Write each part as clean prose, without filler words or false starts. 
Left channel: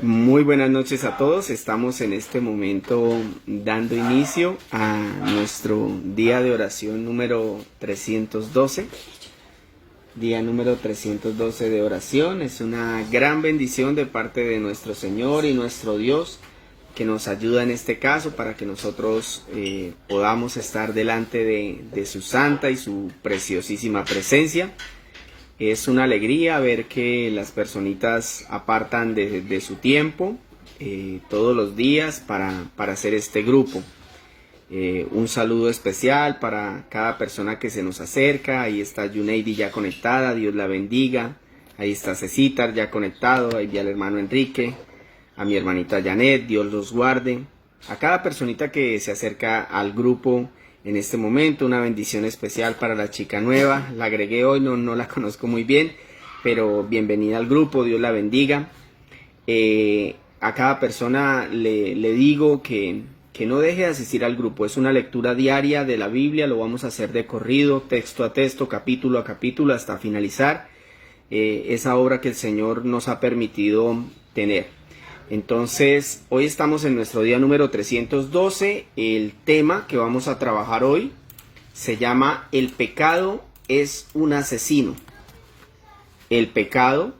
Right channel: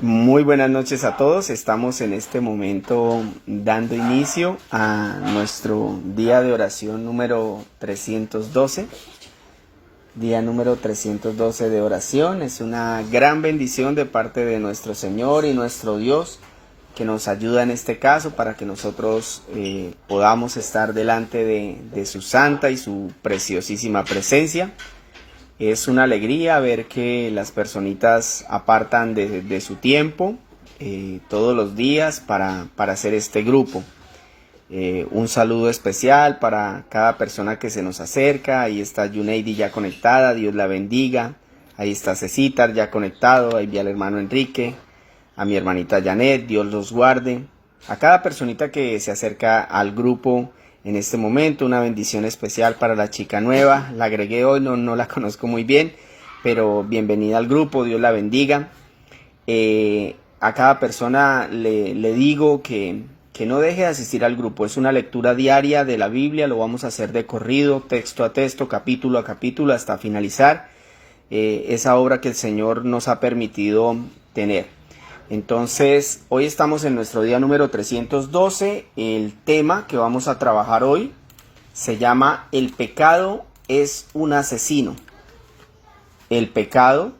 Muy buenas noches a todos. Estamos en este momento dando inicio a nuestro día de oración número 312. Día número 312 de oración. Es una gran bendición de parte de nuestro Señor y nuestro Dios que nos ayuda en este caso para que nosotros podamos estar delante de su santa y su preciosísima presencia. Es una alegría ver que las personitas apartan de su tiempo todos los días para hacer este grupo. Un saludo especial para cada persona que se nos acerca. Ahí está Yuneidi ya conectada, Dios la bendiga. Ahí está Cecitar ya conectado, ahí vi al hermano Enrique, a mi hermanita Janet, Dios los guarde. A cada personita que se acerca al grupo en este momento, una bendición especial para la chica nueva. La agregué hoy, no la conozco muy bien, pero bienvenida al grupo, Dios la bendiga. A cada persona le digo que no deje de asistir al grupo. Es una lectura diaria de la Biblia, lo vamos a hacer de corrido, texto a texto, capítulo a capítulo, hasta finalizar esa obra que el Señor nos ha permitido tener. Entonces, hoy estamos en nuestro día número 312. El tema que vamos a trabajar hoy se llama El pecado es un asesino. El pecado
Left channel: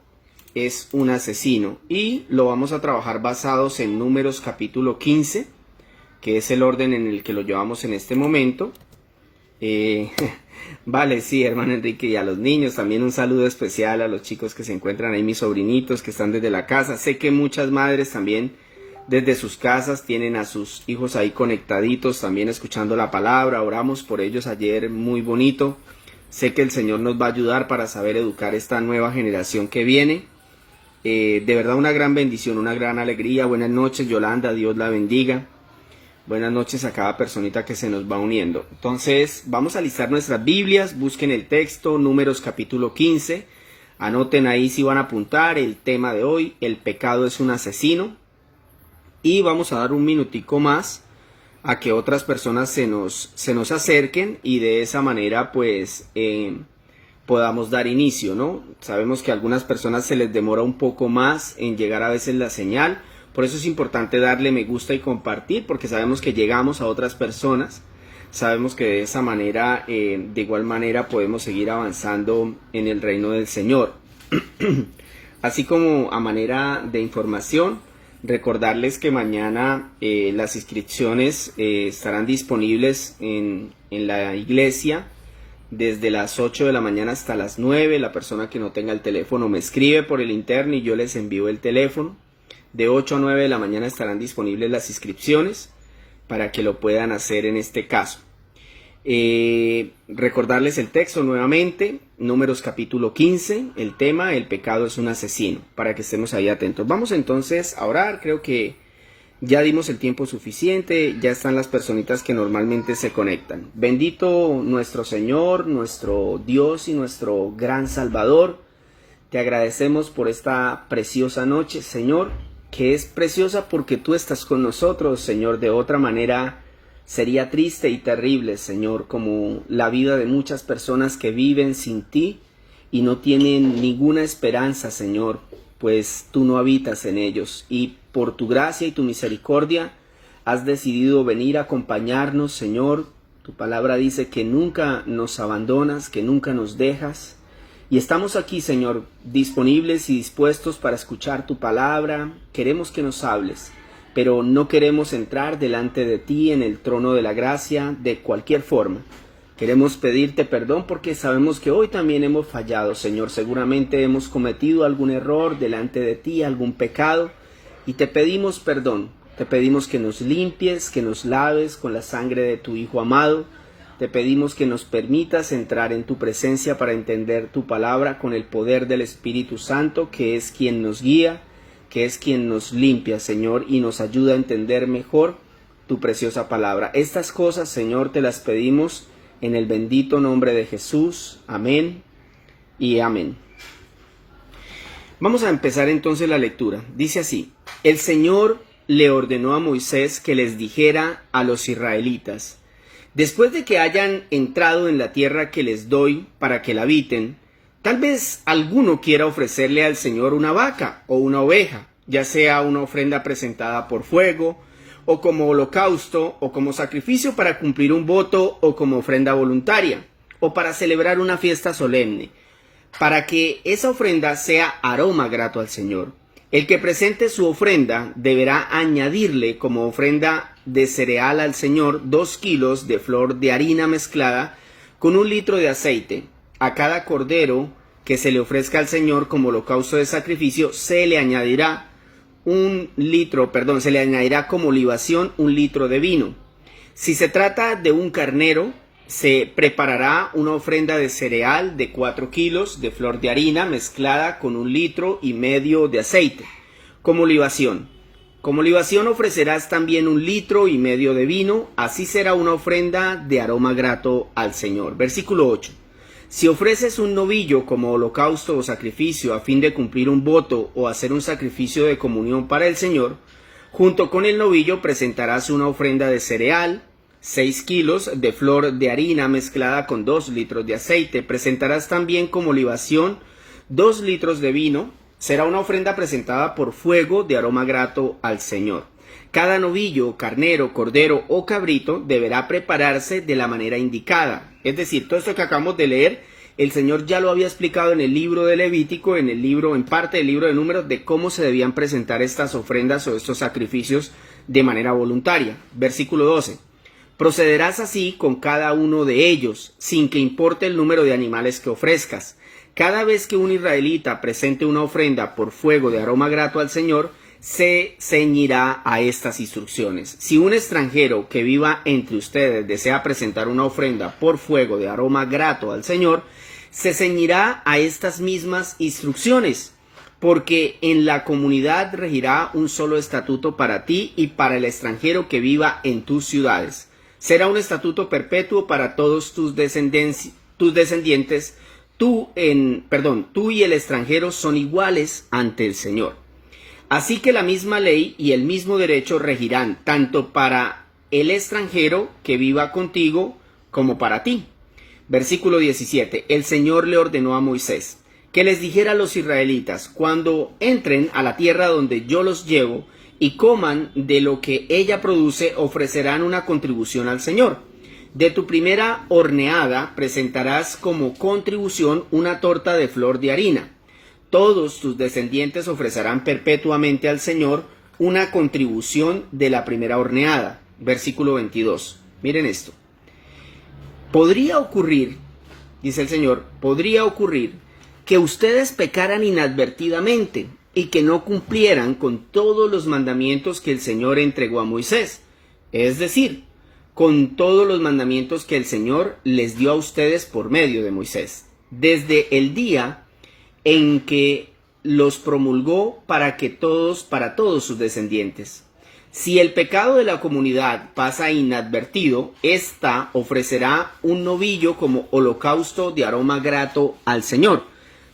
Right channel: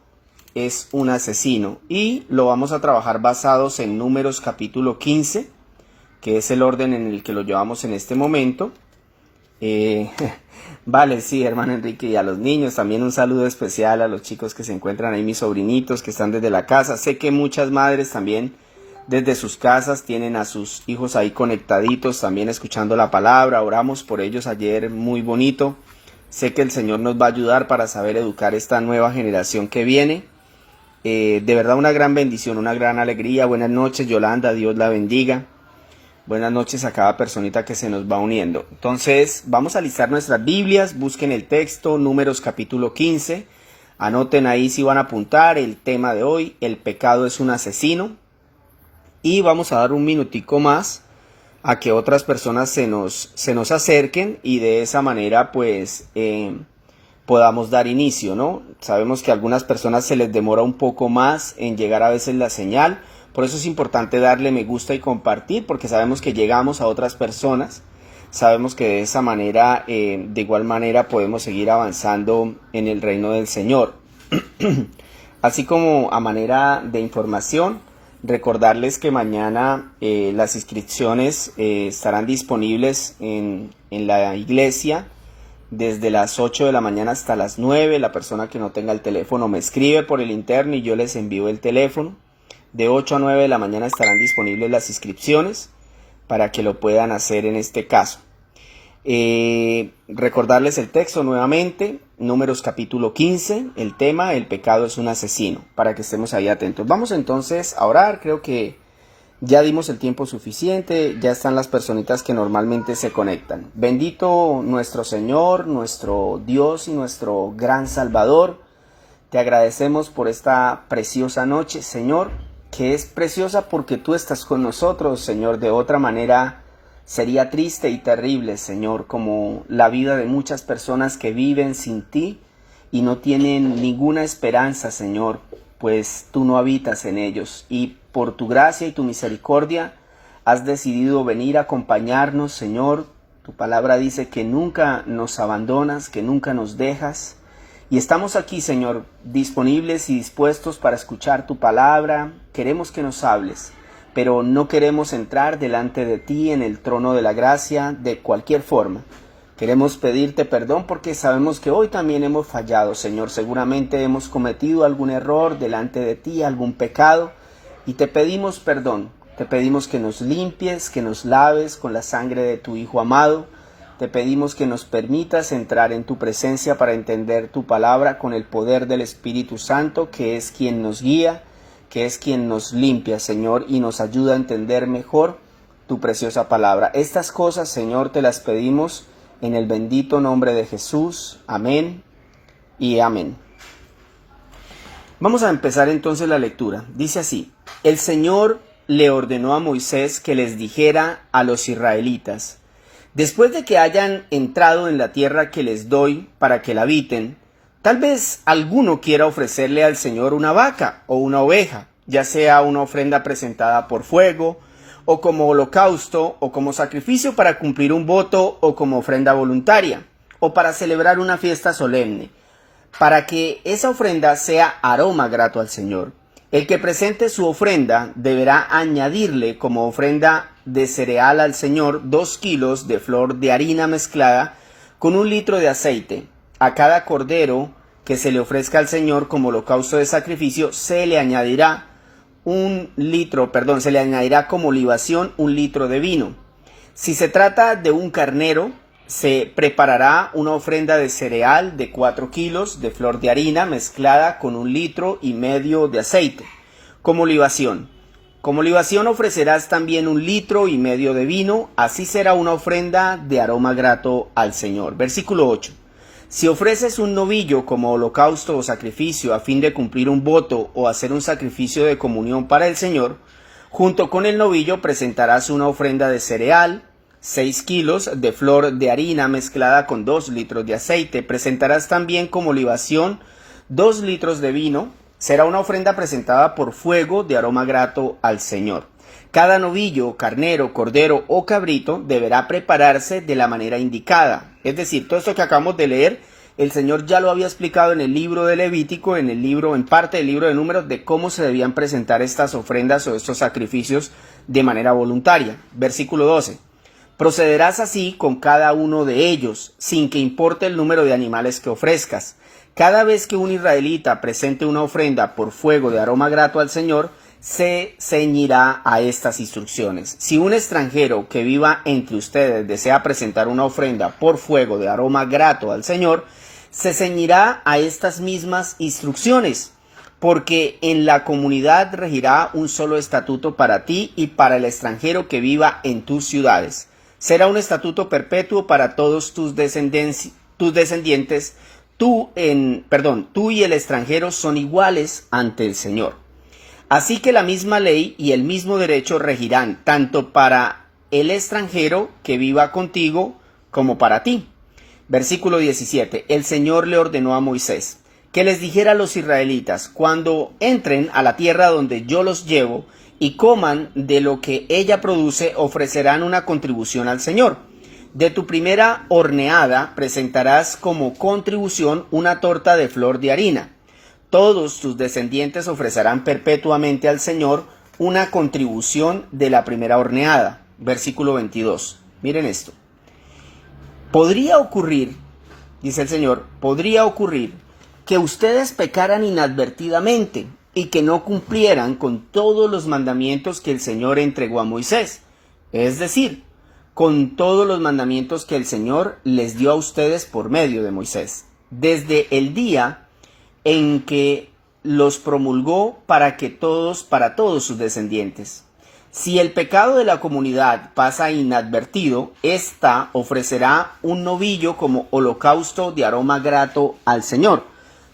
es un asesino. Y lo vamos a trabajar basados en Números capítulo 15, que es el orden en el que lo llevamos en este momento. Vale, sí, hermano Enrique, y a los niños también un saludo especial a los chicos que se encuentran ahí, mis sobrinitos que están desde la casa. Sé que muchas madres también desde sus casas tienen a sus hijos ahí conectaditos, también escuchando la palabra. Oramos por ellos ayer, muy bonito. Sé que el Señor nos va a ayudar para saber educar esta nueva generación que viene. De verdad una gran bendición, una gran alegría. Buenas noches, Yolanda, Dios la bendiga. Buenas noches a cada personita que se nos va uniendo. Entonces, vamos a listar nuestras Biblias, busquen el texto, Números capítulo 15. Anoten ahí si van a apuntar el tema de hoy, el pecado es un asesino. Y vamos a dar un minutico más a que otras personas se nos acerquen y de esa manera pues podamos dar inicio, ¿no? Sabemos que a algunas personas se les demora un poco más en llegar a veces la señal. Por eso es importante darle me gusta y compartir, porque sabemos que llegamos a otras personas, sabemos que de esa manera, de igual manera podemos seguir avanzando en el reino del Señor. Así como a manera de información, recordarles que mañana las inscripciones estarán disponibles en la iglesia desde las 8 de la mañana hasta las 9. La persona que no tenga el teléfono me escribe por el interno y yo les envío el teléfono. De 8 a 9 de la mañana estarán disponibles las inscripciones para que lo puedan hacer en este caso. Recordarles el texto nuevamente, Números capítulo 15, el tema, el pecado es un asesino, para que estemos ahí atentos. Vamos entonces a orar, creo que ya dimos el tiempo suficiente, ya están las personitas que normalmente se conectan. Bendito nuestro Señor, nuestro Dios y nuestro gran Salvador. Te agradecemos por esta preciosa noche, Señor, que es preciosa porque tú estás con nosotros, Señor. De otra manera sería triste y terrible, Señor, como la vida de muchas personas que viven sin ti y no tienen ninguna esperanza, Señor, pues tú no habitas en ellos. Y por tu gracia y tu misericordia has decidido venir a acompañarnos, Señor. Tu palabra dice que nunca nos abandonas, que nunca nos dejas. Y estamos aquí, Señor, disponibles y dispuestos para escuchar tu palabra. Queremos que nos hables, pero no queremos entrar delante de ti en el trono de la gracia de cualquier forma. Queremos pedirte perdón porque sabemos que hoy también hemos fallado, Señor. Seguramente hemos cometido algún error delante de ti, algún pecado, y te pedimos perdón. Te pedimos que nos limpies, que nos laves con la sangre de tu Hijo amado. Te pedimos que nos permitas entrar en tu presencia para entender tu palabra con el poder del Espíritu Santo, que es quien nos guía, que es quien nos limpia, Señor, y nos ayuda a entender mejor tu preciosa palabra. Estas cosas, Señor, te las pedimos en el bendito nombre de Jesús. Amén y amén. Vamos a empezar entonces la lectura. Dice así: el Señor le ordenó a Moisés que les dijera a los israelitas: Después de que hayan entrado en la tierra que les doy para que la habiten, tal vez alguno quiera ofrecerle al Señor una vaca o una oveja, ya sea una ofrenda presentada por fuego, o como holocausto, o como sacrificio para cumplir un voto, o como ofrenda voluntaria, o para celebrar una fiesta solemne, para que esa ofrenda sea aroma grato al Señor. El que presente su ofrenda deberá añadirle como ofrenda de cereal al Señor 2 kilos de flor de harina mezclada con 1 litro de aceite. A cada cordero que se le ofrezca al Señor como holocausto de sacrificio se le añadirá como libación 1 litro de vino. Si se trata de un carnero, se preparará una ofrenda de cereal de 4 kilos de flor de harina mezclada con 1,5 litros de aceite, como libación. Como libación ofrecerás también 1,5 litros de vino, así será una ofrenda de aroma grato al Señor. Versículo 8. Si ofreces un novillo como holocausto o sacrificio a fin de cumplir un voto o hacer un sacrificio de comunión para el Señor, junto con el novillo presentarás una ofrenda de cereal, 6 kilos de flor de harina mezclada con 2 litros de aceite. Presentarás también como libación 2 litros de vino. Será una ofrenda presentada por fuego de aroma grato al Señor. Cada novillo, carnero, cordero o cabrito deberá prepararse de la manera indicada. Es decir, todo esto que acabamos de leer, el Señor ya lo había explicado en el libro de Levítico, en parte del libro de Números, de cómo se debían presentar estas ofrendas o estos sacrificios de manera voluntaria. Versículo 12. Procederás así con cada uno de ellos, sin que importe el número de animales que ofrezcas. Cada vez que un israelita presente una ofrenda por fuego de aroma grato al Señor, se ceñirá a estas instrucciones. Si un extranjero que viva entre ustedes desea presentar una ofrenda por fuego de aroma grato al Señor, se ceñirá a estas mismas instrucciones, porque en la comunidad regirá un solo estatuto para ti y para el extranjero que viva en tus ciudades. Será un estatuto perpetuo para todos tus descendientes. Tú y el extranjero son iguales ante el Señor. Así que la misma ley y el mismo derecho regirán tanto para el extranjero que viva contigo como para ti. Versículo 17. El Señor le ordenó a Moisés que les dijera a los israelitas: cuando entren a la tierra donde yo los llevo y coman de lo que ella produce, ofrecerán una contribución al Señor. De tu primera horneada presentarás como contribución una torta de flor de harina. Todos tus descendientes ofrecerán perpetuamente al Señor una contribución de la primera horneada. Versículo 22. Miren esto. Podría ocurrir, dice el Señor, podría ocurrir que ustedes pecaran inadvertidamente y que no cumplieran con todos los mandamientos que el Señor entregó a Moisés. Es decir, con todos los mandamientos que el Señor les dio a ustedes por medio de Moisés, desde el día en que los promulgó para todos sus descendientes. Si el pecado de la comunidad pasa inadvertido, ésta ofrecerá un novillo como holocausto de aroma grato al Señor.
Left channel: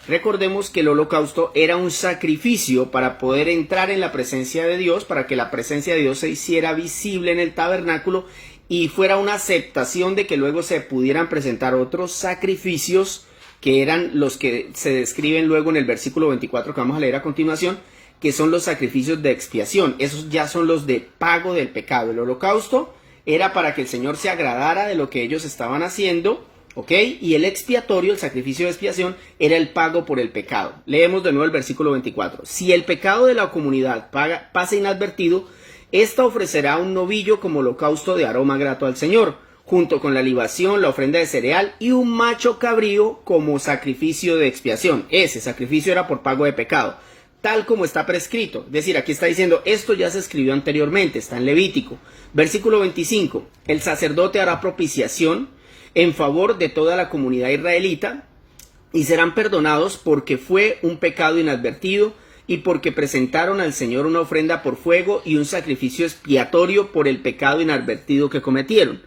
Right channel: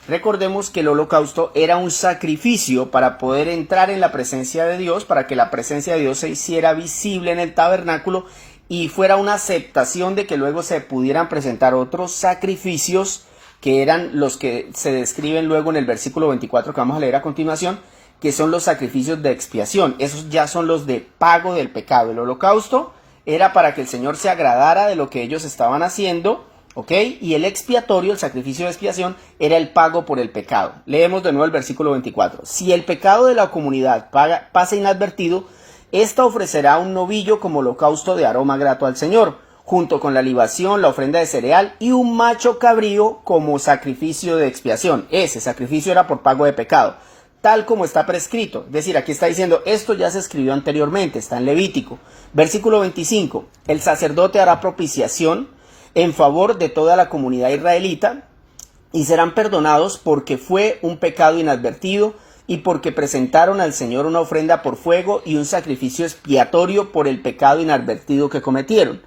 Recordemos que el holocausto era un sacrificio para poder entrar en la presencia de Dios, para que la presencia de Dios se hiciera visible en el tabernáculo y fuera una aceptación de que luego se pudieran presentar otros sacrificios, que eran los que se describen luego en el versículo 24 que vamos a leer a continuación, que son los sacrificios de expiación. Esos ya son los de pago del pecado. El holocausto era para que el Señor se agradara de lo que ellos estaban haciendo, ¿ok? Y el expiatorio, el sacrificio de expiación, era el pago por el pecado. Leemos de nuevo el versículo 24. Si el pecado de la comunidad pasa inadvertido, ésta ofrecerá un novillo como holocausto de aroma grato al Señor, junto con la libación, la ofrenda de cereal y un macho cabrío como sacrificio de expiación. Ese sacrificio era por pago de pecado, tal como está prescrito. Es decir, aquí está diciendo, esto ya se escribió anteriormente, está en Levítico. Versículo 25. El sacerdote hará propiciación en favor de toda la comunidad israelita y serán perdonados porque fue un pecado inadvertido y porque presentaron al Señor una ofrenda por fuego y un sacrificio expiatorio por el pecado inadvertido que cometieron.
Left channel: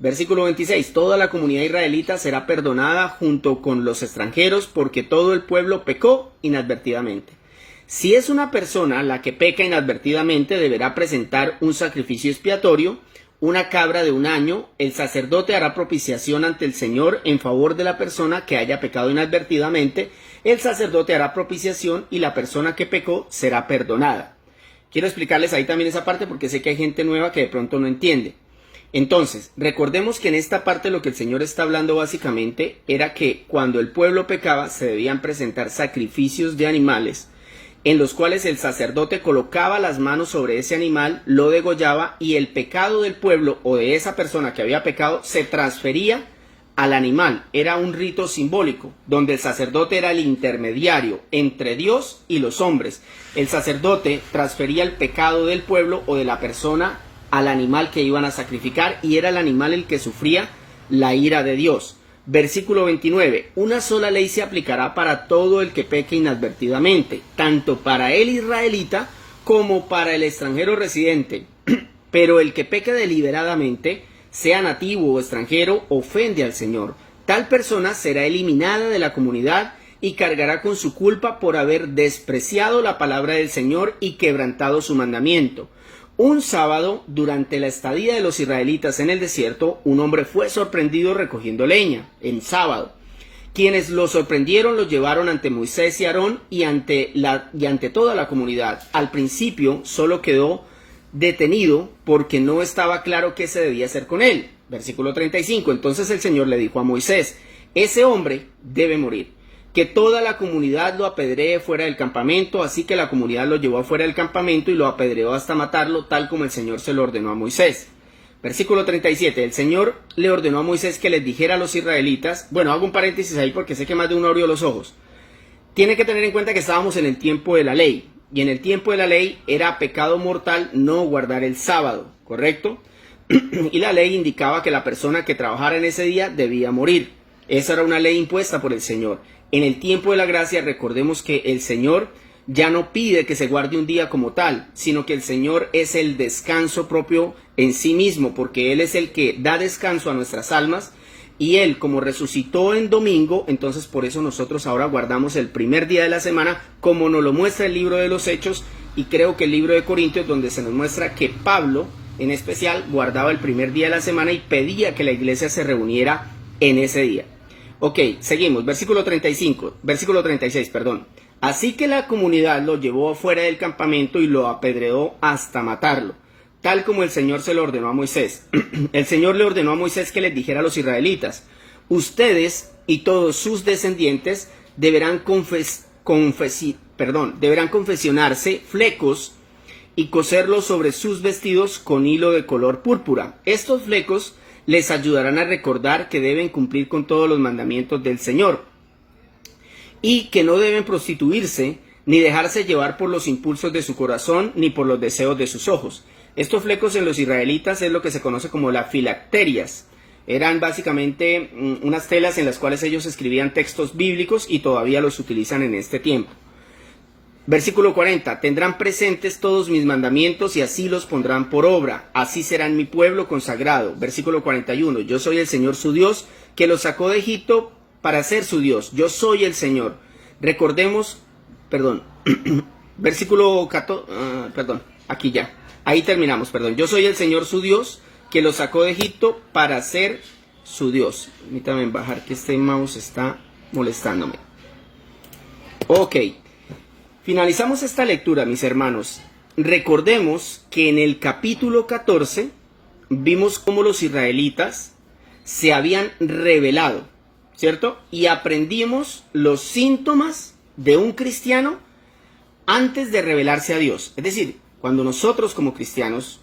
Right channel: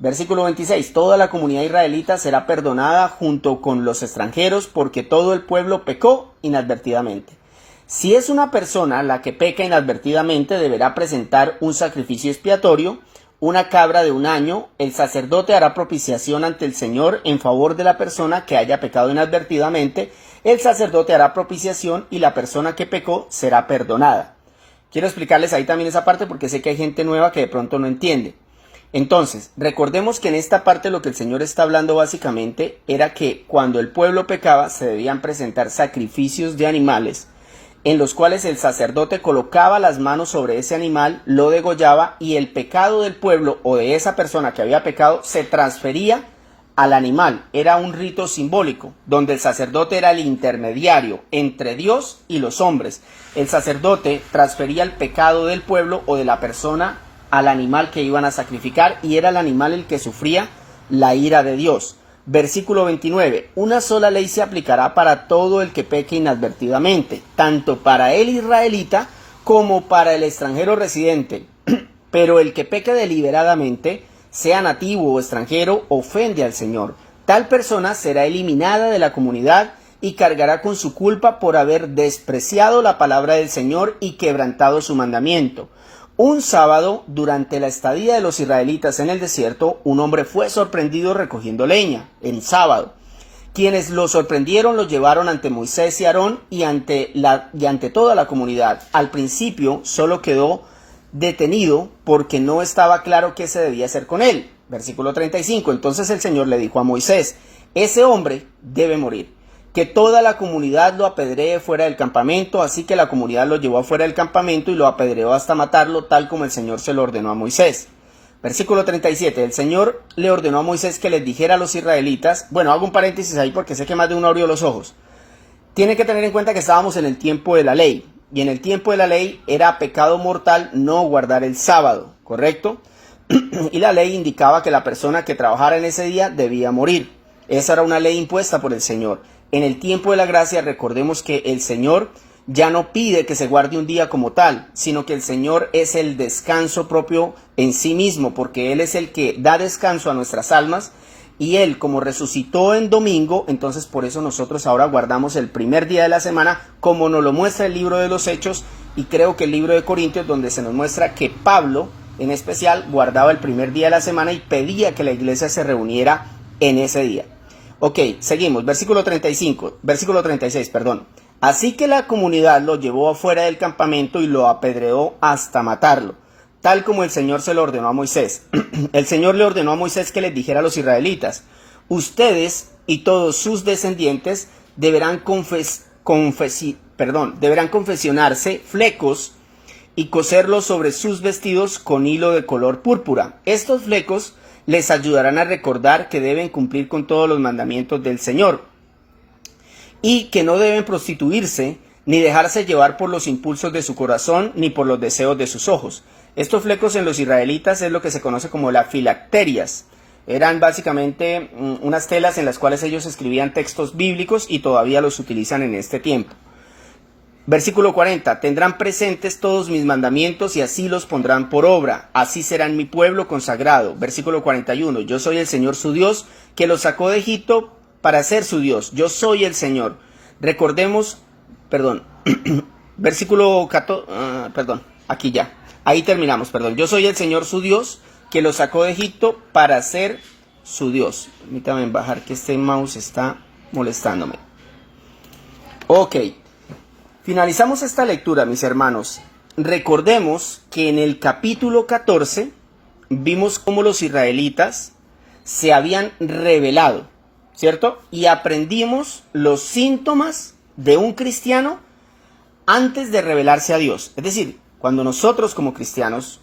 Versículo 26. Toda la comunidad israelita será perdonada junto con los extranjeros porque todo el pueblo pecó inadvertidamente. Si es una persona la que peca inadvertidamente, deberá presentar un sacrificio expiatorio, una cabra de un año, el sacerdote hará propiciación ante el Señor en favor de la persona que haya pecado inadvertidamente. El sacerdote hará propiciación y la persona que pecó será perdonada. Quiero explicarles ahí también esa parte porque sé que hay gente nueva que de pronto no entiende. Entonces, recordemos que en esta parte lo que el Señor está hablando básicamente era que cuando el pueblo pecaba se debían presentar sacrificios de animales en los cuales el sacerdote colocaba las manos sobre ese animal, lo degollaba y el pecado del pueblo o de esa persona que había pecado se transfería al animal. Era un rito simbólico donde el sacerdote era el intermediario entre Dios y los hombres. El sacerdote transfería el pecado del pueblo o de la persona al animal que iban a sacrificar y era el animal el que sufría la ira de Dios. Versículo 29. Una sola ley se aplicará para todo el que peque inadvertidamente, tanto para el israelita como para el extranjero residente. Pero el que peque deliberadamente, sea nativo o extranjero, ofende al Señor. Tal persona será eliminada de la comunidad y cargará con su culpa por haber despreciado la palabra del Señor y quebrantado su mandamiento. Un sábado, durante la estadía de los israelitas en el desierto, un hombre fue sorprendido recogiendo leña, en sábado. Quienes lo sorprendieron lo llevaron ante Moisés y Aarón y ante toda la comunidad. Al principio solo quedó detenido porque no estaba claro qué se debía hacer con él. Versículo 35. Entonces el Señor le dijo a Moisés: ese hombre debe morir. Que toda la comunidad lo apedree fuera del campamento. Así que la comunidad lo llevó afuera del campamento y lo apedreó hasta matarlo, tal como el Señor se lo ordenó a Moisés. Versículo 37. El Señor le ordenó a Moisés que les dijera a los israelitas, bueno, hago un paréntesis ahí porque sé que más de uno abrió los ojos. Tienen que tener en cuenta que estábamos en el tiempo de la ley, y en el tiempo de la ley era pecado mortal no guardar el sábado, ¿correcto? Y la ley indicaba que la persona que trabajara en ese día debía morir. Esa era una ley impuesta por el Señor. En el tiempo de la gracia, recordemos que el Señor ya no pide que se guarde un día como tal, sino que el Señor es el descanso propio en sí mismo, porque Él es el que da descanso a nuestras almas, y Él, como resucitó en domingo, entonces por eso nosotros ahora guardamos el primer día de la semana, como nos lo muestra el libro de los Hechos, y creo que el libro de Corintios, donde se nos muestra que Pablo, en especial, guardaba el primer día de la semana y pedía que la iglesia se reuniera en ese día. Ok, seguimos, versículo 36, perdón. Así que la comunidad lo llevó afuera del campamento y lo apedreó hasta matarlo, tal como el Señor se lo ordenó a Moisés. El Señor le ordenó a Moisés que les dijera a los israelitas: ustedes y todos sus descendientes deberán confeccionarse flecos y coserlos sobre sus vestidos con hilo de color púrpura. Estos flecos les ayudarán a recordar que deben cumplir con todos los mandamientos del Señor y que no deben prostituirse ni dejarse llevar por los impulsos de su corazón ni por los deseos de sus ojos. Estos flecos en los israelitas es lo que se conoce como las filacterias. Eran básicamente unas telas en las cuales ellos escribían textos bíblicos y todavía los utilizan en este tiempo. Versículo 40. Tendrán presentes todos mis mandamientos y así los pondrán por obra. Así serán mi pueblo consagrado. Versículo 41. Yo soy el Señor su Dios, que los sacó de Egipto para ser su Dios. Yo soy el Señor. Recordemos, versículo 14, aquí ya. Ahí terminamos, Yo soy el Señor su Dios, que los sacó de Egipto para ser su Dios. Permítame bajar que este mouse está molestándome. Ok. Finalizamos esta lectura, mis hermanos. Recordemos que en el capítulo 14 vimos cómo los israelitas se habían rebelado, ¿cierto? Y aprendimos los síntomas de un cristiano antes de rebelarse a Dios. Es decir, cuando nosotros como cristianos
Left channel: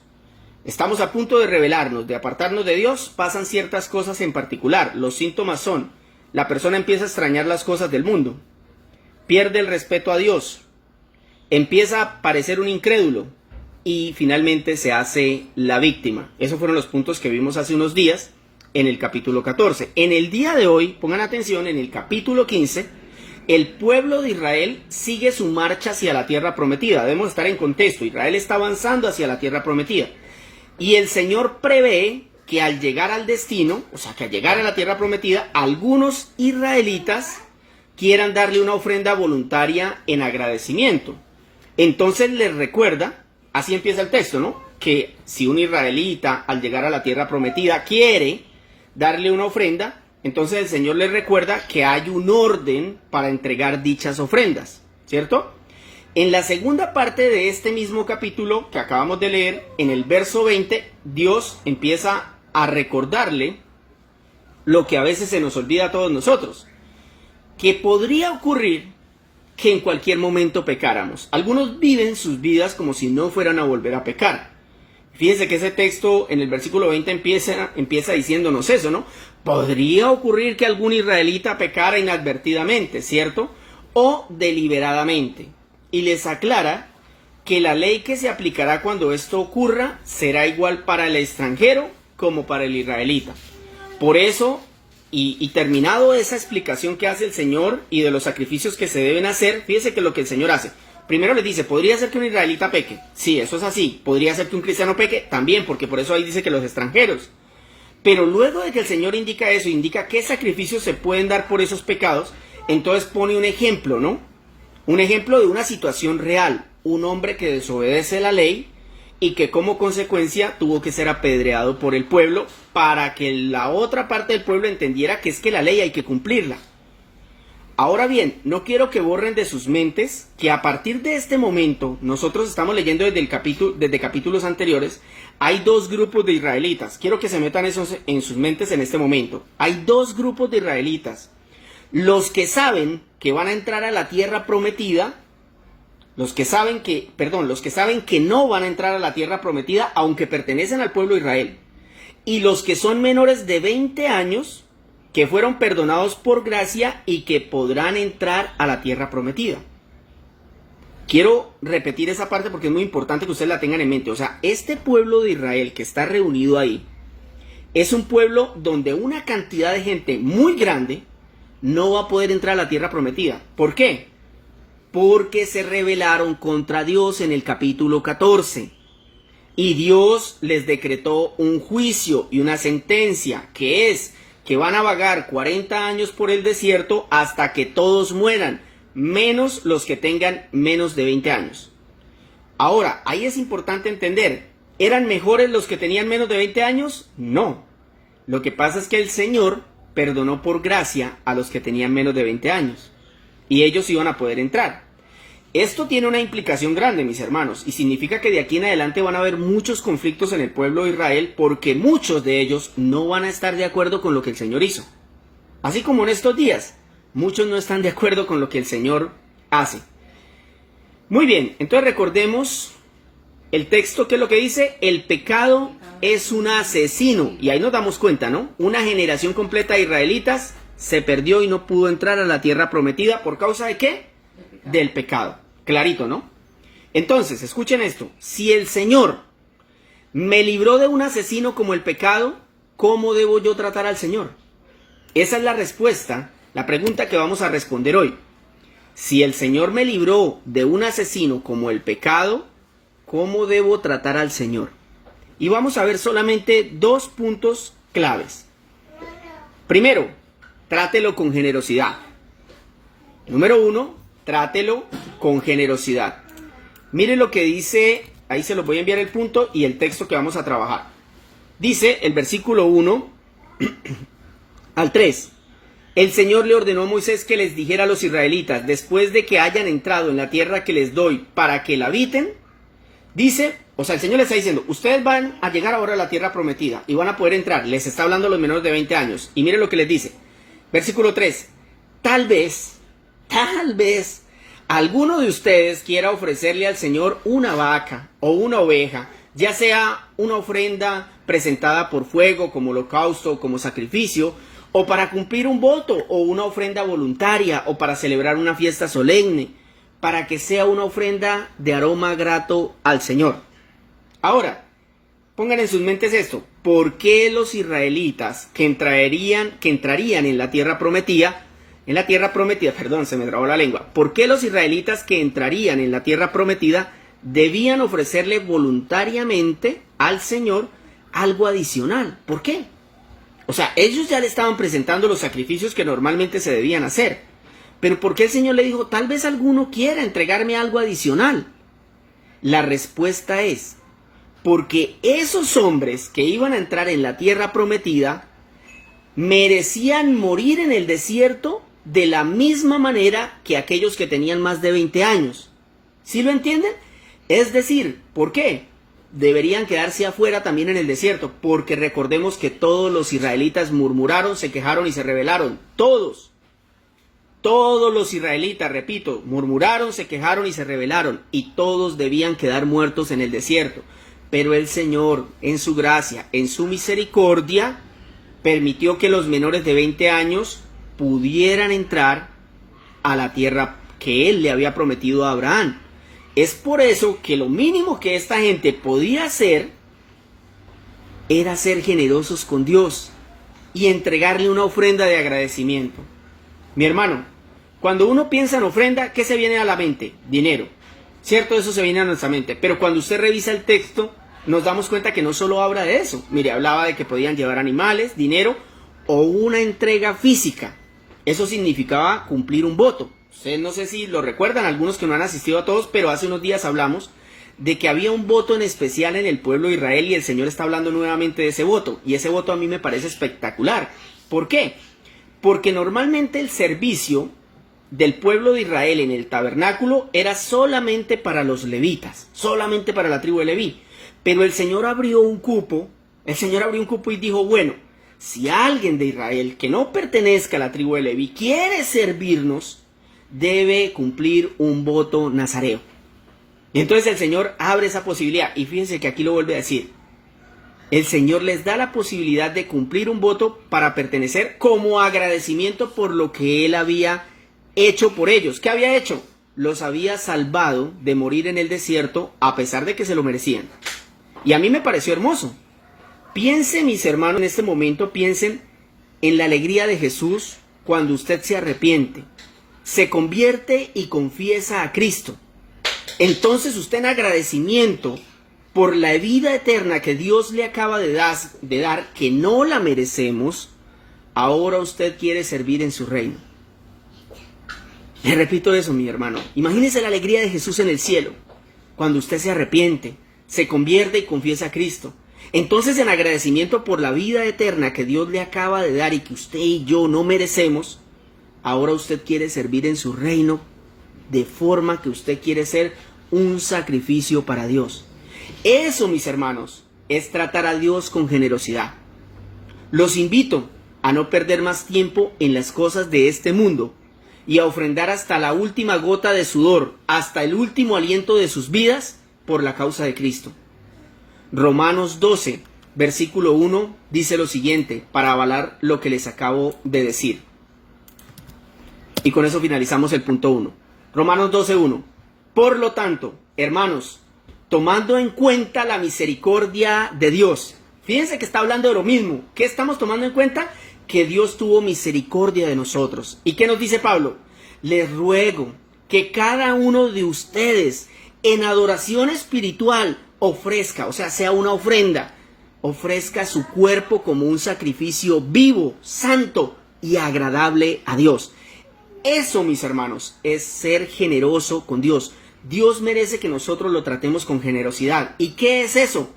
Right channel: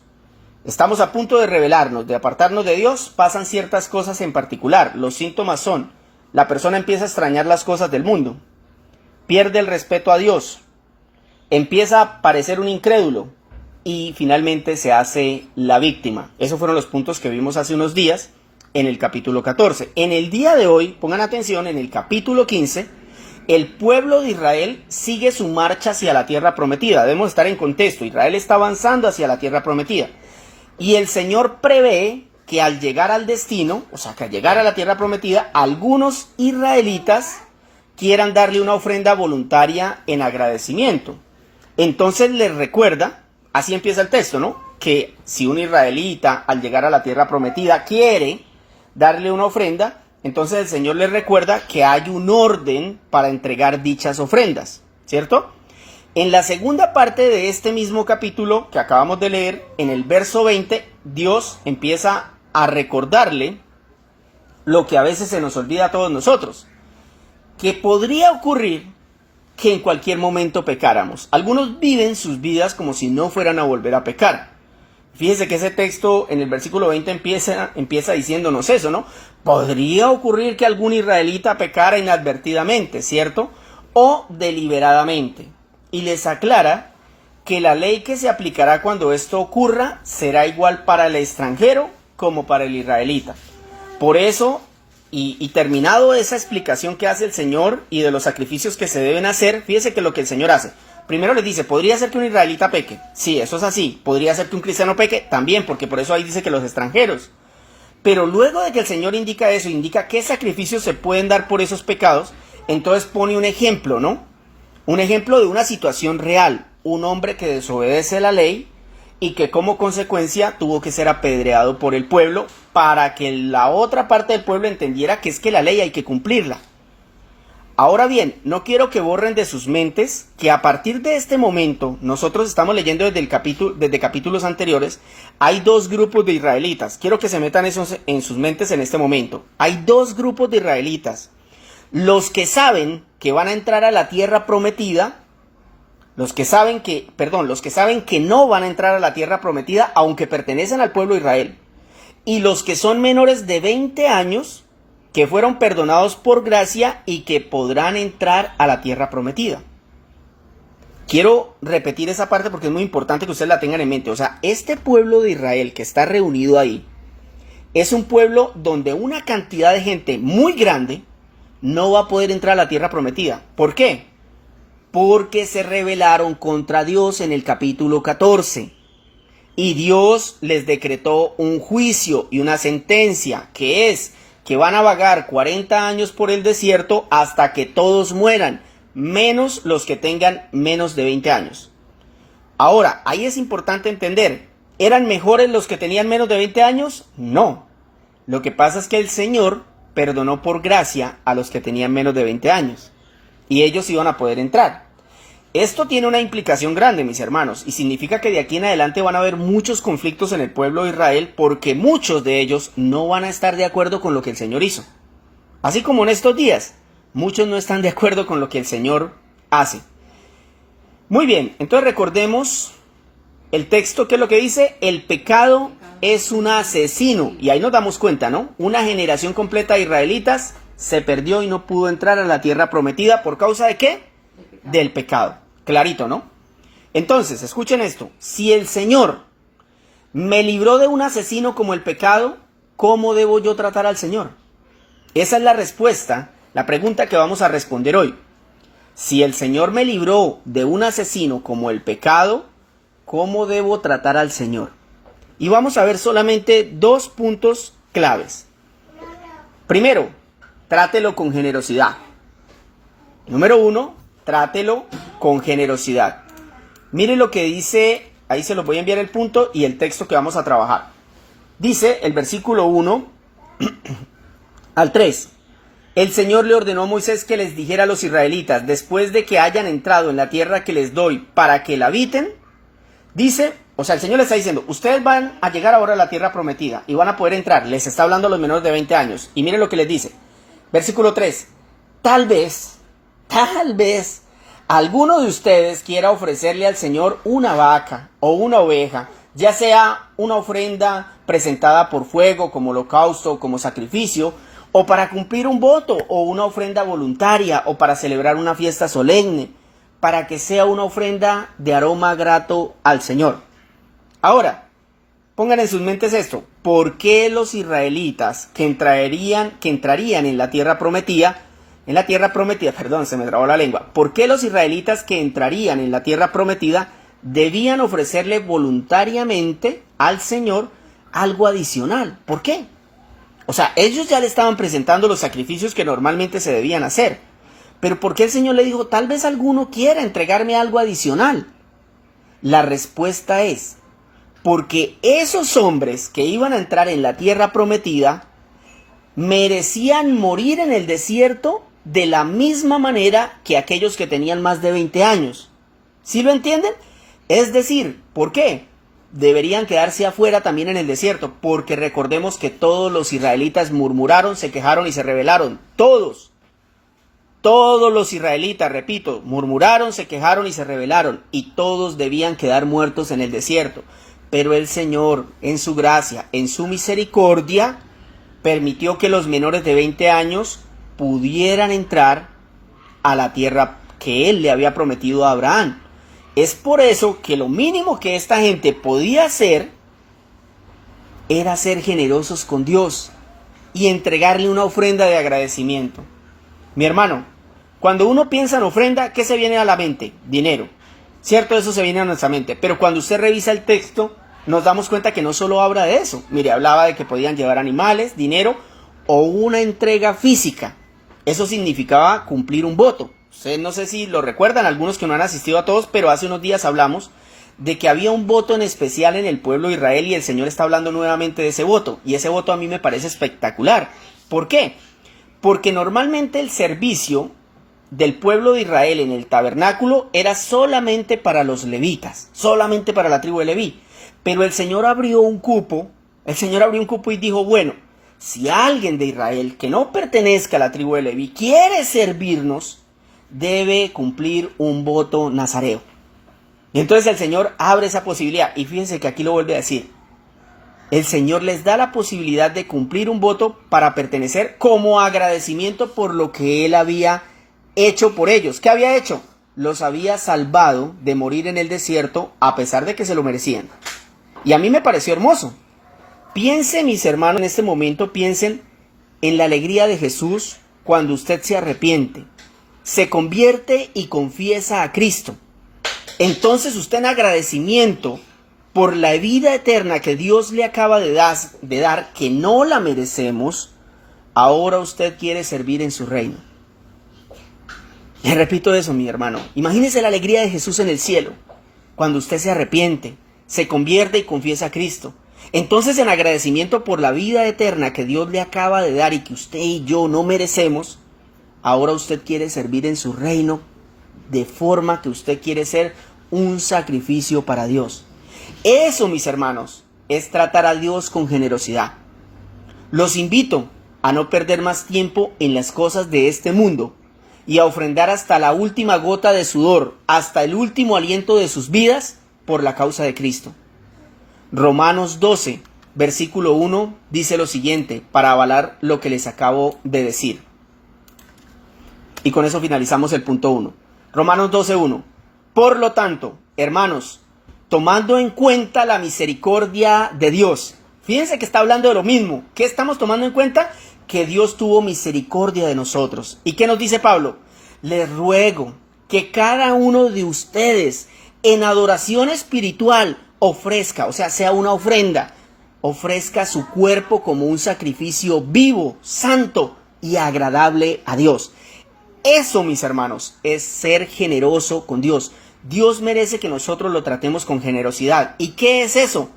estamos a punto de rebelarnos, de apartarnos de Dios, pasan ciertas cosas en particular. Los síntomas son: la persona empieza a extrañar las cosas del mundo, pierde el respeto a Dios, empieza a parecer un incrédulo y finalmente se hace la víctima. Esos fueron los puntos que vimos hace unos días en el capítulo 14. En el día de hoy, pongan atención, en el capítulo 15, el pueblo de Israel sigue su marcha hacia la tierra prometida. Debemos estar en contexto. Israel está avanzando hacia la tierra prometida. Y el Señor prevé que al llegar al destino, o sea, que al llegar a la tierra prometida, algunos israelitas quieran darle una ofrenda voluntaria en agradecimiento. Entonces les recuerda, así empieza el texto, ¿no? que si un israelita al llegar a la tierra prometida quiere darle una ofrenda, entonces el Señor les recuerda que hay un orden para entregar dichas ofrendas, ¿cierto? En la segunda parte de este mismo capítulo que acabamos de leer, en el verso 20, Dios empieza a recordarle lo que a veces se nos olvida a todos nosotros, que podría ocurrir que en cualquier momento pecáramos. Algunos viven sus vidas como si no fueran a volver a pecar. Fíjese que ese texto en el versículo 20 empieza diciéndonos eso, ¿no? Podría ocurrir que algún israelita pecara inadvertidamente, ¿cierto? O deliberadamente. Y les aclara que la ley que se aplicará cuando esto ocurra será igual para el extranjero como para el israelita. Por eso, y terminado esa explicación que hace el Señor y de los sacrificios que se deben hacer, fíjese que lo que el Señor hace. Primero les dice, ¿podría ser que un israelita peque? Sí, eso es así. ¿Podría ser que un cristiano peque? También, porque por eso ahí dice que los extranjeros. Pero luego de que el Señor indica eso, indica qué sacrificios se pueden dar por esos pecados, entonces pone un ejemplo, ¿no? Un ejemplo de una situación real. Un hombre que desobedece la ley y que como consecuencia tuvo que ser apedreado por el pueblo para que la otra parte del pueblo entendiera que es que la ley hay que cumplirla. Ahora bien, no quiero que borren de sus mentes que a partir de este momento, nosotros estamos leyendo desde capítulos anteriores, hay dos grupos de israelitas. Quiero que se metan eso en sus mentes en este momento. Hay dos grupos de israelitas. Los que saben que van a entrar a la tierra prometida, los que saben que no van a entrar a la tierra prometida, aunque pertenecen al pueblo de Israel. Y los que son menores de 20 años, que fueron perdonados por gracia y que podrán entrar a la tierra prometida. Quiero repetir esa parte porque es muy importante que ustedes la tengan en mente. O sea, este pueblo de Israel que está reunido ahí, es un pueblo donde una cantidad de gente muy grande no va a poder entrar a la tierra prometida. ¿Por qué? Porque se rebelaron contra Dios en el capítulo 14. Y Dios les decretó un juicio y una sentencia, que es que van a vagar 40 años por el desierto hasta que todos mueran, menos los que tengan menos de 20 años. Ahora, ahí es importante entender, ¿eran mejores los que tenían menos de 20 años? No. Lo que pasa es que el Señor perdonó por gracia a los que tenían menos de 20 años, y ellos iban a poder entrar. Esto tiene una implicación grande, mis hermanos, y significa que de aquí en adelante van a haber muchos conflictos en el pueblo de Israel porque muchos de ellos no van a estar de acuerdo con lo que el Señor hizo. Así como en estos días, muchos no están de acuerdo con lo que el Señor hace. Muy bien, entonces recordemos el texto, que es lo que dice: el pecado es un asesino. Y ahí nos damos cuenta, ¿no? Una generación completa de israelitas se perdió y no pudo entrar a la tierra prometida. ¿Por causa de qué? Del pecado. Clarito, ¿no? Entonces, escuchen esto. Si el Señor me libró de un asesino como el pecado, ¿cómo debo yo tratar al Señor? Esa es la respuesta, la pregunta que vamos a responder hoy. Si el Señor me libró de un asesino como el pecado, ¿cómo debo tratar al Señor? Y vamos a ver solamente dos puntos claves. Primero, trátelo con generosidad. Número 1, trátelo con generosidad. Mire lo que dice, ahí se los voy a enviar el punto y el texto que vamos a trabajar. Dice el versículo 1 al 3. El Señor le ordenó a Moisés que les dijera a los israelitas, después de que hayan entrado en la tierra que les doy para que la habiten, dice, o sea, el Señor les está diciendo, ustedes van a llegar ahora a la tierra prometida y van a poder entrar. Les está hablando a los menores de 20 años. Y mire lo que les dice. Versículo 3. Tal vez alguno de ustedes quiera ofrecerle al Señor una vaca o una oveja, ya sea una ofrenda presentada por fuego, como holocausto, como sacrificio, o para cumplir un voto, o una ofrenda voluntaria, o para celebrar una fiesta solemne, para que sea una ofrenda de aroma grato al Señor. Ahora, pongan en sus mentes esto: ¿por qué los israelitas que entrarían en la tierra prometida, se me trabó la lengua. ¿Por qué los israelitas que entrarían en la tierra prometida debían ofrecerle voluntariamente al Señor algo adicional? ¿Por qué? O sea, ellos ya le estaban presentando los sacrificios que normalmente se debían hacer. Pero ¿por qué el Señor le dijo, tal vez alguno quiera entregarme algo adicional? La respuesta es, porque esos hombres que iban a entrar en la tierra prometida merecían morir en el desierto de la misma manera que aquellos que tenían más de 20 años. ¿Sí lo entienden? Es decir, ¿por qué? Deberían quedarse afuera también en el desierto, porque recordemos que todos los israelitas murmuraron, se quejaron y se rebelaron. Todos los israelitas, repito, murmuraron, se quejaron y se rebelaron, y todos debían quedar muertos en el desierto. Pero el Señor, en su gracia, en su misericordia, permitió que los menores de 20 años pudieran entrar a la tierra que Él le había prometido a Abraham. Es por eso que lo mínimo que esta gente podía hacer era ser generosos con Dios y entregarle una ofrenda de agradecimiento. Mi hermano, cuando uno piensa en ofrenda, ¿qué se viene a la mente? Dinero. Cierto, eso se viene a nuestra mente, pero cuando usted revisa el texto, nos damos cuenta que no solo habla de eso. Mire, hablaba de que podían llevar animales, dinero o una entrega física. Eso significaba cumplir un voto. Ustedes no sé si lo recuerdan, algunos que no han asistido a todos, pero hace unos días hablamos de que había un voto en especial en el pueblo de Israel y el Señor está hablando nuevamente de ese voto. Y ese voto a mí me parece espectacular. ¿Por qué? Porque normalmente el servicio del pueblo de Israel en el tabernáculo era solamente para los levitas, solamente para la tribu de Leví. Pero el Señor abrió un cupo y dijo, bueno, si alguien de Israel que no pertenezca a la tribu de Leví quiere servirnos, debe cumplir un voto nazareo. Y entonces el Señor abre esa posibilidad. Y fíjense que aquí lo vuelve a decir. El Señor les da la posibilidad de cumplir un voto para pertenecer como agradecimiento por lo que Él había hecho por ellos. ¿Qué había hecho? Los había salvado de morir en el desierto a pesar de que se lo merecían. Y a mí me pareció hermoso. Piensen, mis hermanos, en este momento, piensen en la alegría de Jesús cuando usted se arrepiente, se convierte y confiesa a Cristo. Entonces usted, en agradecimiento por la vida eterna que Dios le acaba de dar, que no la merecemos, ahora usted quiere servir en su reino. Le repito eso, mi hermano. Imagínese la alegría de Jesús en el cielo, cuando usted se arrepiente, se convierte y confiesa a Cristo. Entonces, en agradecimiento por la vida eterna que Dios le acaba de dar y que usted y yo no merecemos, ahora usted quiere servir en su reino de forma que usted quiere ser un sacrificio para Dios. Eso, mis hermanos, es tratar a Dios con generosidad. Los invito a no perder más tiempo en las cosas de este mundo y a ofrendar hasta la última gota de sudor, hasta el último aliento de sus vidas por la causa de Cristo. Romanos 12, versículo 1, dice lo siguiente, para avalar lo que les acabo de decir. Y con eso finalizamos el punto 1. Romanos 12, 1. Por lo tanto, hermanos, tomando en cuenta la misericordia de Dios. Fíjense que está hablando de lo mismo. ¿Qué estamos tomando en cuenta? Que Dios tuvo misericordia de nosotros. ¿Y qué nos dice Pablo? Les ruego que cada uno de ustedes en adoración espiritual ofrezca, o sea, sea una ofrenda, ofrezca su cuerpo como un sacrificio vivo, santo y agradable a Dios. Eso, mis hermanos, es ser generoso con Dios. Dios merece que nosotros lo tratemos con generosidad. ¿Y qué es eso?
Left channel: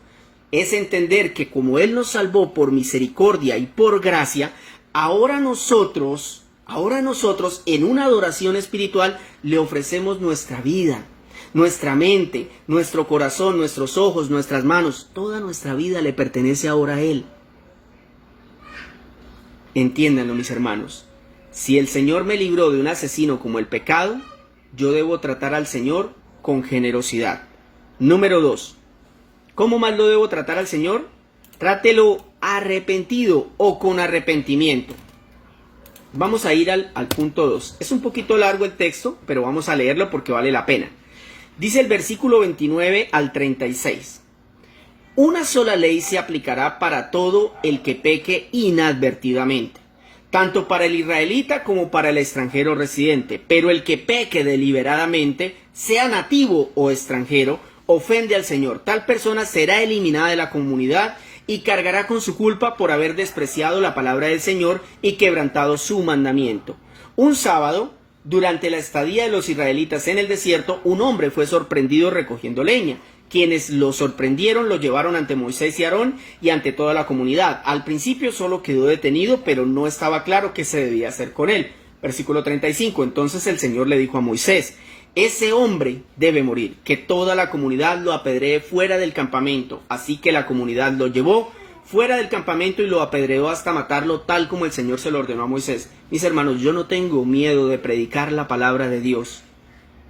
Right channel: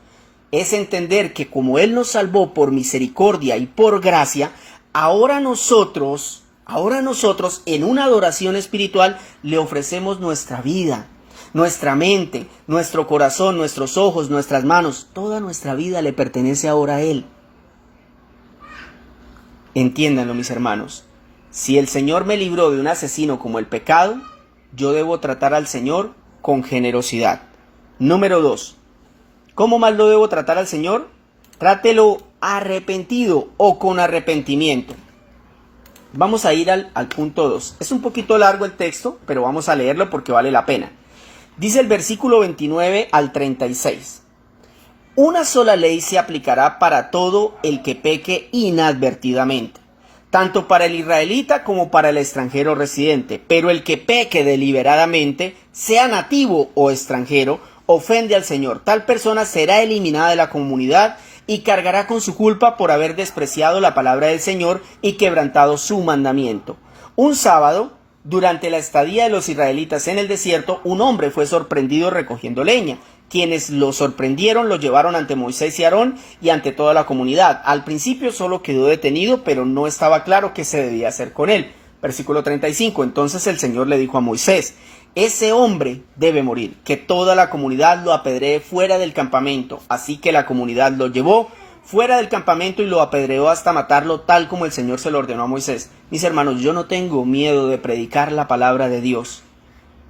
Es entender que como Él nos salvó por misericordia y por gracia, ahora nosotros en una adoración espiritual le ofrecemos nuestra vida, nuestra mente, nuestro corazón, nuestros ojos, nuestras manos. Toda nuestra vida le pertenece ahora a Él. Entiéndanlo, mis hermanos. Si el Señor me libró de un asesino como el pecado, yo debo tratar al Señor con generosidad. Número 2. ¿Cómo más lo debo tratar al Señor? Trátelo arrepentido o con arrepentimiento. Vamos a ir al punto 2. Es un poquito largo el texto, pero vamos a leerlo porque vale la pena. Dice el versículo 29 al 36. Una sola ley se aplicará para todo el que peque inadvertidamente, tanto para el israelita como para el extranjero residente. Pero el que peque deliberadamente, sea nativo o extranjero, ofende al Señor. Tal persona será eliminada de la comunidad y cargará con su culpa por haber despreciado la palabra del Señor y quebrantado su mandamiento. Un sábado, durante la estadía de los israelitas en el desierto, un hombre fue sorprendido recogiendo leña. Quienes lo sorprendieron lo llevaron ante Moisés y Aarón y ante toda la comunidad. Al principio solo quedó detenido, pero no estaba claro qué se debía hacer con él. Versículo 35. Entonces el Señor le dijo a Moisés: ese hombre debe morir, que toda la comunidad lo apedree fuera del campamento. Así que la comunidad lo llevó fuera del campamento y lo apedreó hasta matarlo, tal como el Señor se lo ordenó a Moisés. Mis hermanos, yo no tengo miedo de predicar la palabra de Dios.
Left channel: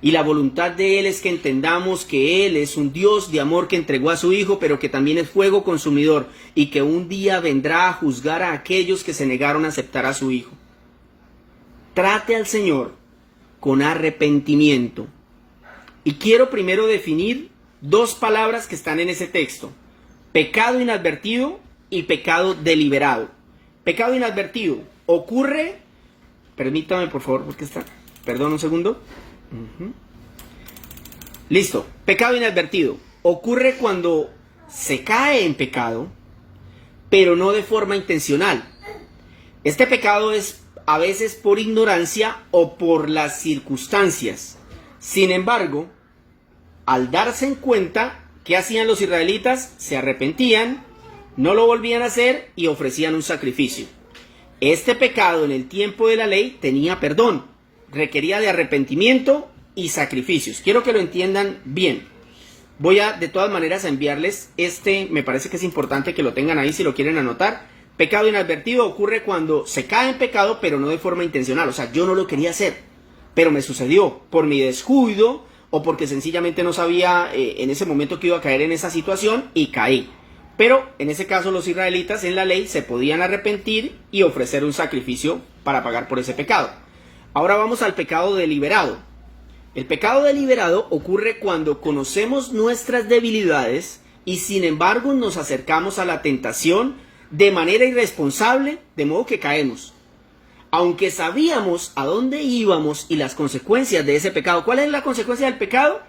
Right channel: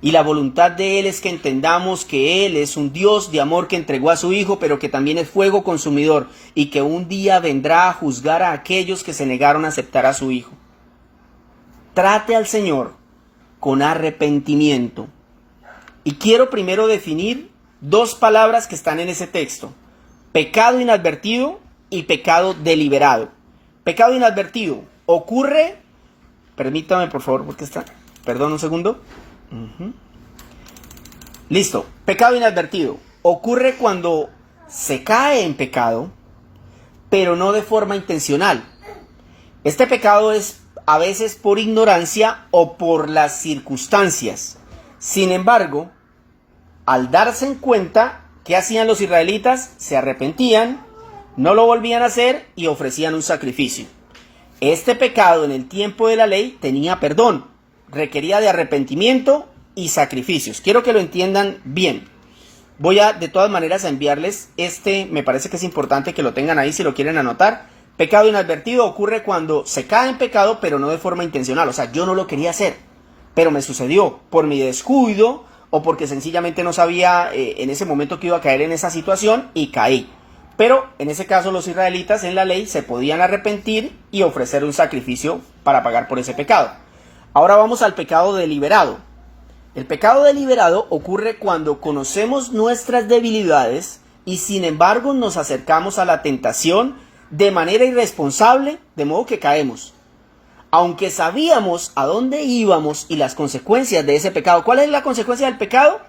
Y la voluntad de Él es que entendamos que Él es un Dios de amor que entregó a su Hijo, pero que también es fuego consumidor y que un día vendrá a juzgar a aquellos que se negaron a aceptar a su Hijo. Trate al Señor con arrepentimiento. Y quiero primero definir dos palabras que están en ese texto: pecado inadvertido y pecado deliberado. Pecado inadvertido ocurre, permítame por favor, porque está, perdón un segundo. Listo. Pecado inadvertido ocurre cuando se cae en pecado, pero no de forma intencional. Este pecado es a veces por ignorancia o por las circunstancias. Sin embargo, al darse en cuenta, ¿qué hacían los israelitas? Se arrepentían, no lo volvían a hacer y ofrecían un sacrificio. Este pecado en el tiempo de la ley tenía perdón, requería de arrepentimiento y sacrificios. Quiero que lo entiendan bien. Voy a de todas maneras a enviarles me parece que es importante que lo tengan ahí si lo quieren anotar. Pecado inadvertido ocurre cuando se cae en pecado, pero no de forma intencional. O sea, yo no lo quería hacer, pero me sucedió por mi descuido o porque sencillamente no sabía en ese momento que iba a caer en esa situación y caí. Pero en ese caso los israelitas en la ley se podían arrepentir y ofrecer un sacrificio para pagar por ese pecado. Ahora vamos al pecado deliberado. El pecado deliberado ocurre cuando conocemos nuestras debilidades y sin embargo nos acercamos a la tentación de manera irresponsable, de modo que caemos. Aunque sabíamos a dónde íbamos y las consecuencias de ese pecado. ¿Cuál es la consecuencia del pecado?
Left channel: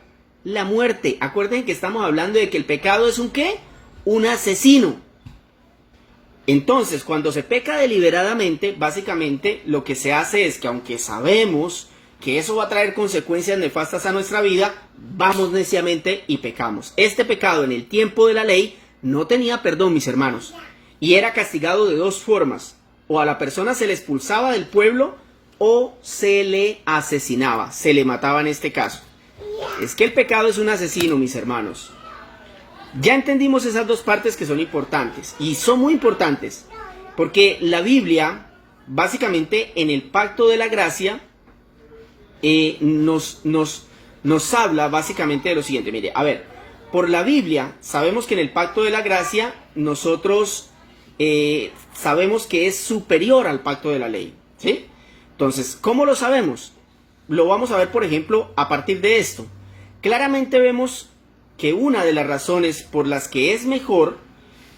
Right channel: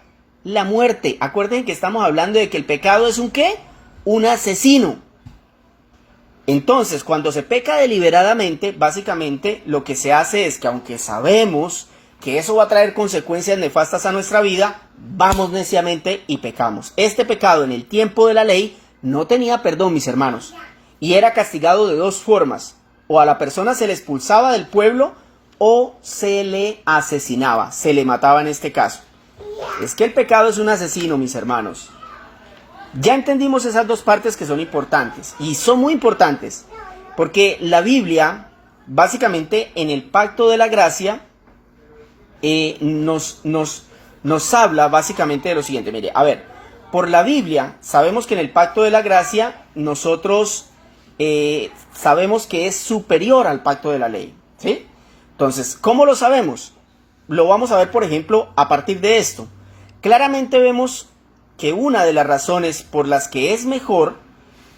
La muerte. Acuérdense que estamos hablando de que el pecado es un ¿qué? Un asesino. Entonces, cuando se peca deliberadamente, básicamente lo que se hace es que aunque sabemos que eso va a traer consecuencias nefastas a nuestra vida, vamos neciamente y pecamos. Este pecado en el tiempo de la ley no tenía perdón, mis hermanos, y era castigado de dos formas: o a la persona se le expulsaba del pueblo o se le asesinaba, se le mataba en este caso. Es que el pecado es un asesino, mis hermanos. Ya entendimos esas dos partes que son importantes, y son muy importantes, porque la Biblia, básicamente en el pacto de la gracia, nos habla básicamente de lo siguiente. Mire, a ver, por la Biblia sabemos que en el pacto de la gracia nosotros sabemos que es superior al pacto de la ley, ¿sí? Entonces, ¿cómo lo sabemos? Lo vamos a ver, por ejemplo, a partir de esto. Claramente vemos que una de las razones por las que es mejor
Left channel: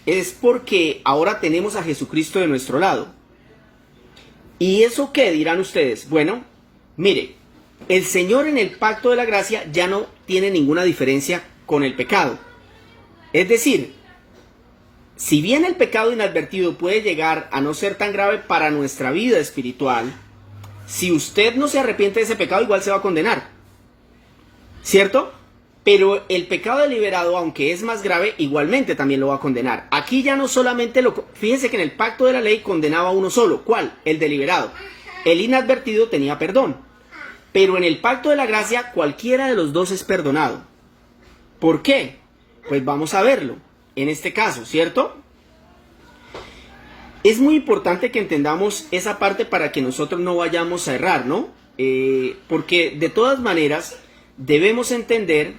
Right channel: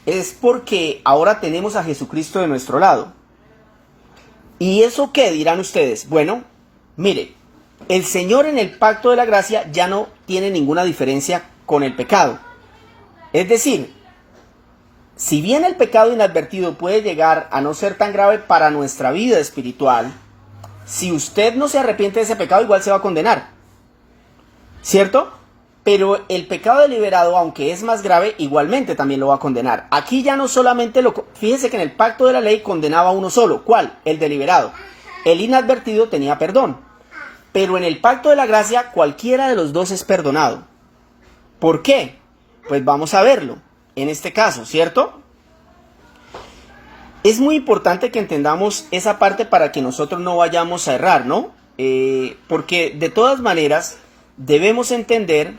es porque ahora tenemos a Jesucristo de nuestro lado. ¿Y eso qué dirán ustedes? Bueno, mire, el Señor en el pacto de la gracia ya no tiene ninguna diferencia con el pecado. Es decir, si bien el pecado inadvertido puede llegar a no ser tan grave para nuestra vida espiritual, si usted no se arrepiente de ese pecado, igual se va a condenar, ¿cierto? Pero el pecado deliberado, aunque es más grave, igualmente también lo va a condenar. Aquí ya no solamente fíjese que en el pacto de la ley condenaba a uno solo. ¿Cuál? El deliberado. El inadvertido tenía perdón. Pero en el pacto de la gracia, cualquiera de los dos es perdonado. ¿Por qué? Pues vamos a verlo en este caso, ¿cierto? Es muy importante que entendamos esa parte para que nosotros no vayamos a errar, ¿no? Porque de todas maneras debemos entender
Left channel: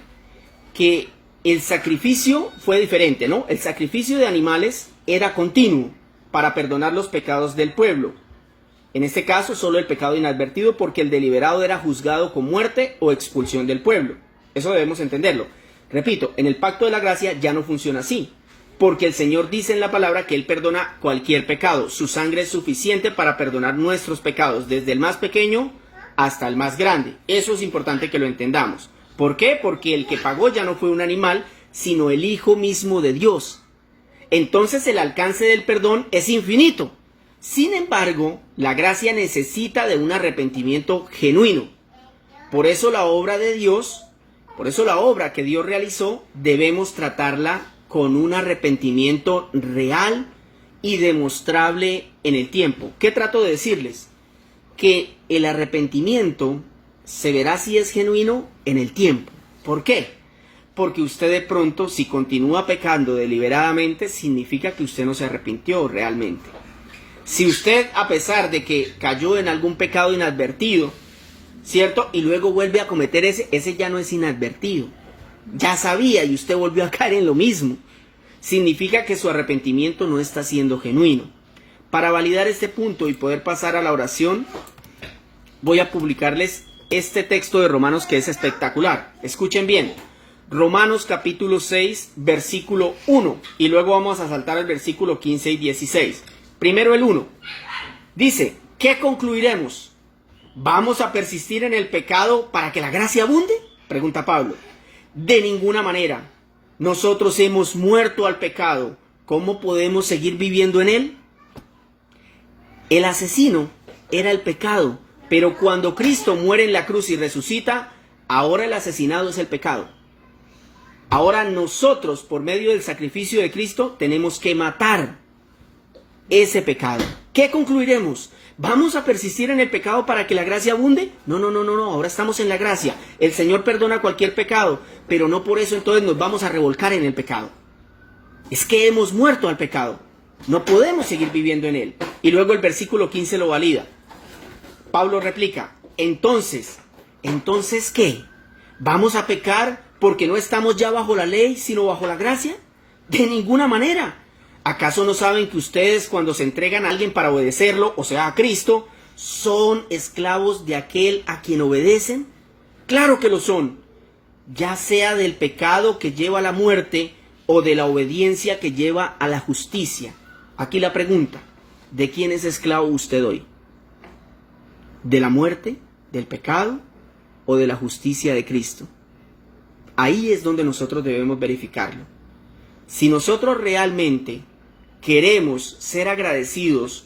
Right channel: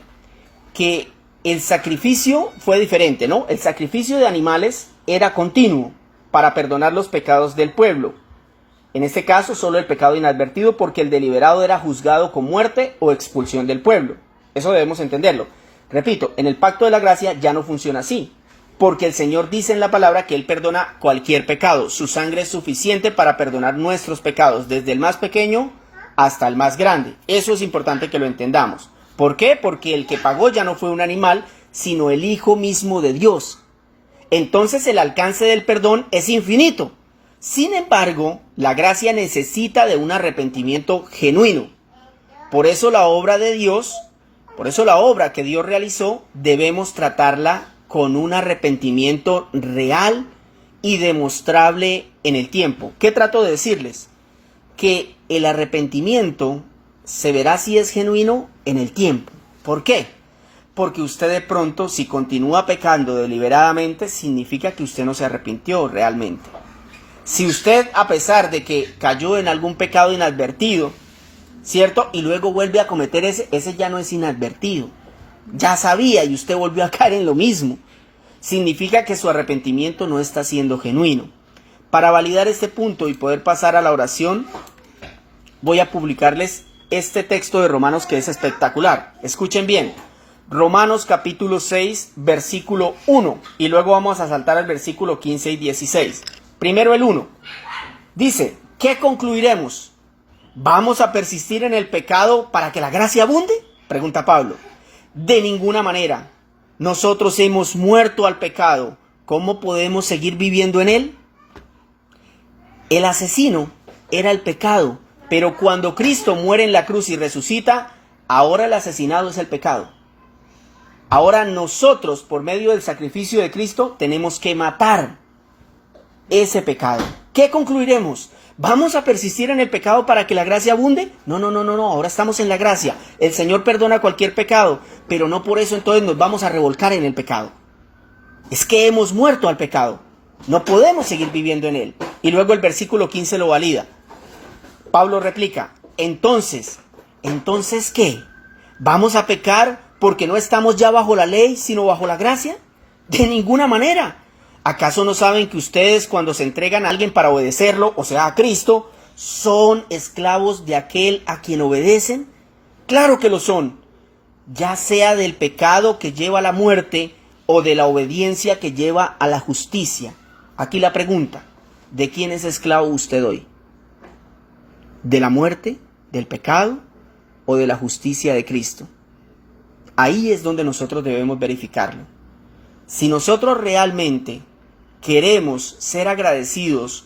que el sacrificio fue diferente, ¿no? El sacrificio de animales era continuo para perdonar los pecados del pueblo. En este caso, solo el pecado inadvertido, porque el deliberado era juzgado con muerte o expulsión del pueblo. Eso debemos entenderlo. Repito, en el pacto de la gracia ya no funciona así, porque el Señor dice en la palabra que Él perdona cualquier pecado. Su sangre es suficiente para perdonar nuestros pecados, desde el más pequeño hasta el más grande. Eso es importante que lo entendamos. ¿Por qué? Porque el que pagó ya no fue un animal, sino el Hijo mismo de Dios. Entonces el alcance del perdón es infinito. Sin embargo, la gracia necesita de un arrepentimiento genuino. Por eso la obra de Dios Por eso la obra que Dios realizó debemos tratarla con un arrepentimiento real y demostrable en el tiempo. ¿Qué trato de decirles? Que el arrepentimiento se verá si es genuino en el tiempo. ¿Por qué? Porque usted de pronto, si continúa pecando deliberadamente, significa que usted no se arrepintió realmente. Si usted, a pesar de que cayó en algún pecado inadvertido, ¿cierto? Y luego vuelve a cometer ese ya no es inadvertido. Ya sabía y usted volvió a caer en lo mismo. Significa que su arrepentimiento no está siendo genuino. Para validar este punto y poder pasar a la oración, voy a publicarles este texto de Romanos que es espectacular. Escuchen bien. Romanos capítulo 6, versículo 1. Y luego vamos a saltar al versículo 15 y 16. Primero el 1. Dice, ¿qué concluiremos? ¿Vamos a persistir en el pecado para que la gracia abunde? Pregunta Pablo. De ninguna manera. Nosotros hemos muerto al pecado. ¿Cómo podemos seguir viviendo en él? El asesino era el pecado, pero cuando Cristo muere en la cruz y resucita, ahora el asesinado es el pecado. Ahora nosotros, por medio del sacrificio de Cristo, tenemos que matar ese pecado. ¿Qué concluiremos? ¿Vamos a persistir en el pecado para que la gracia abunde? No, ahora estamos en la gracia. El Señor perdona cualquier pecado, pero no por eso entonces nos vamos a revolcar en el pecado. Es que hemos muerto al pecado. No podemos seguir viviendo en él. Y luego el versículo 15 lo valida. Pablo replica, ¿entonces qué? ¿Vamos a pecar porque no estamos ya bajo la ley, sino bajo la gracia? De ninguna manera. ¿Acaso no saben que ustedes cuando se entregan a alguien para obedecerlo, o sea, a Cristo, son esclavos de aquel a quien obedecen? Claro que lo son, ya sea del pecado que lleva a la muerte o de la obediencia que lleva a la justicia. Aquí la pregunta, ¿de quién es esclavo usted hoy? ¿De la muerte, del pecado o de la justicia de Cristo? Ahí es donde nosotros debemos verificarlo. Si nosotros realmente queremos ser agradecidos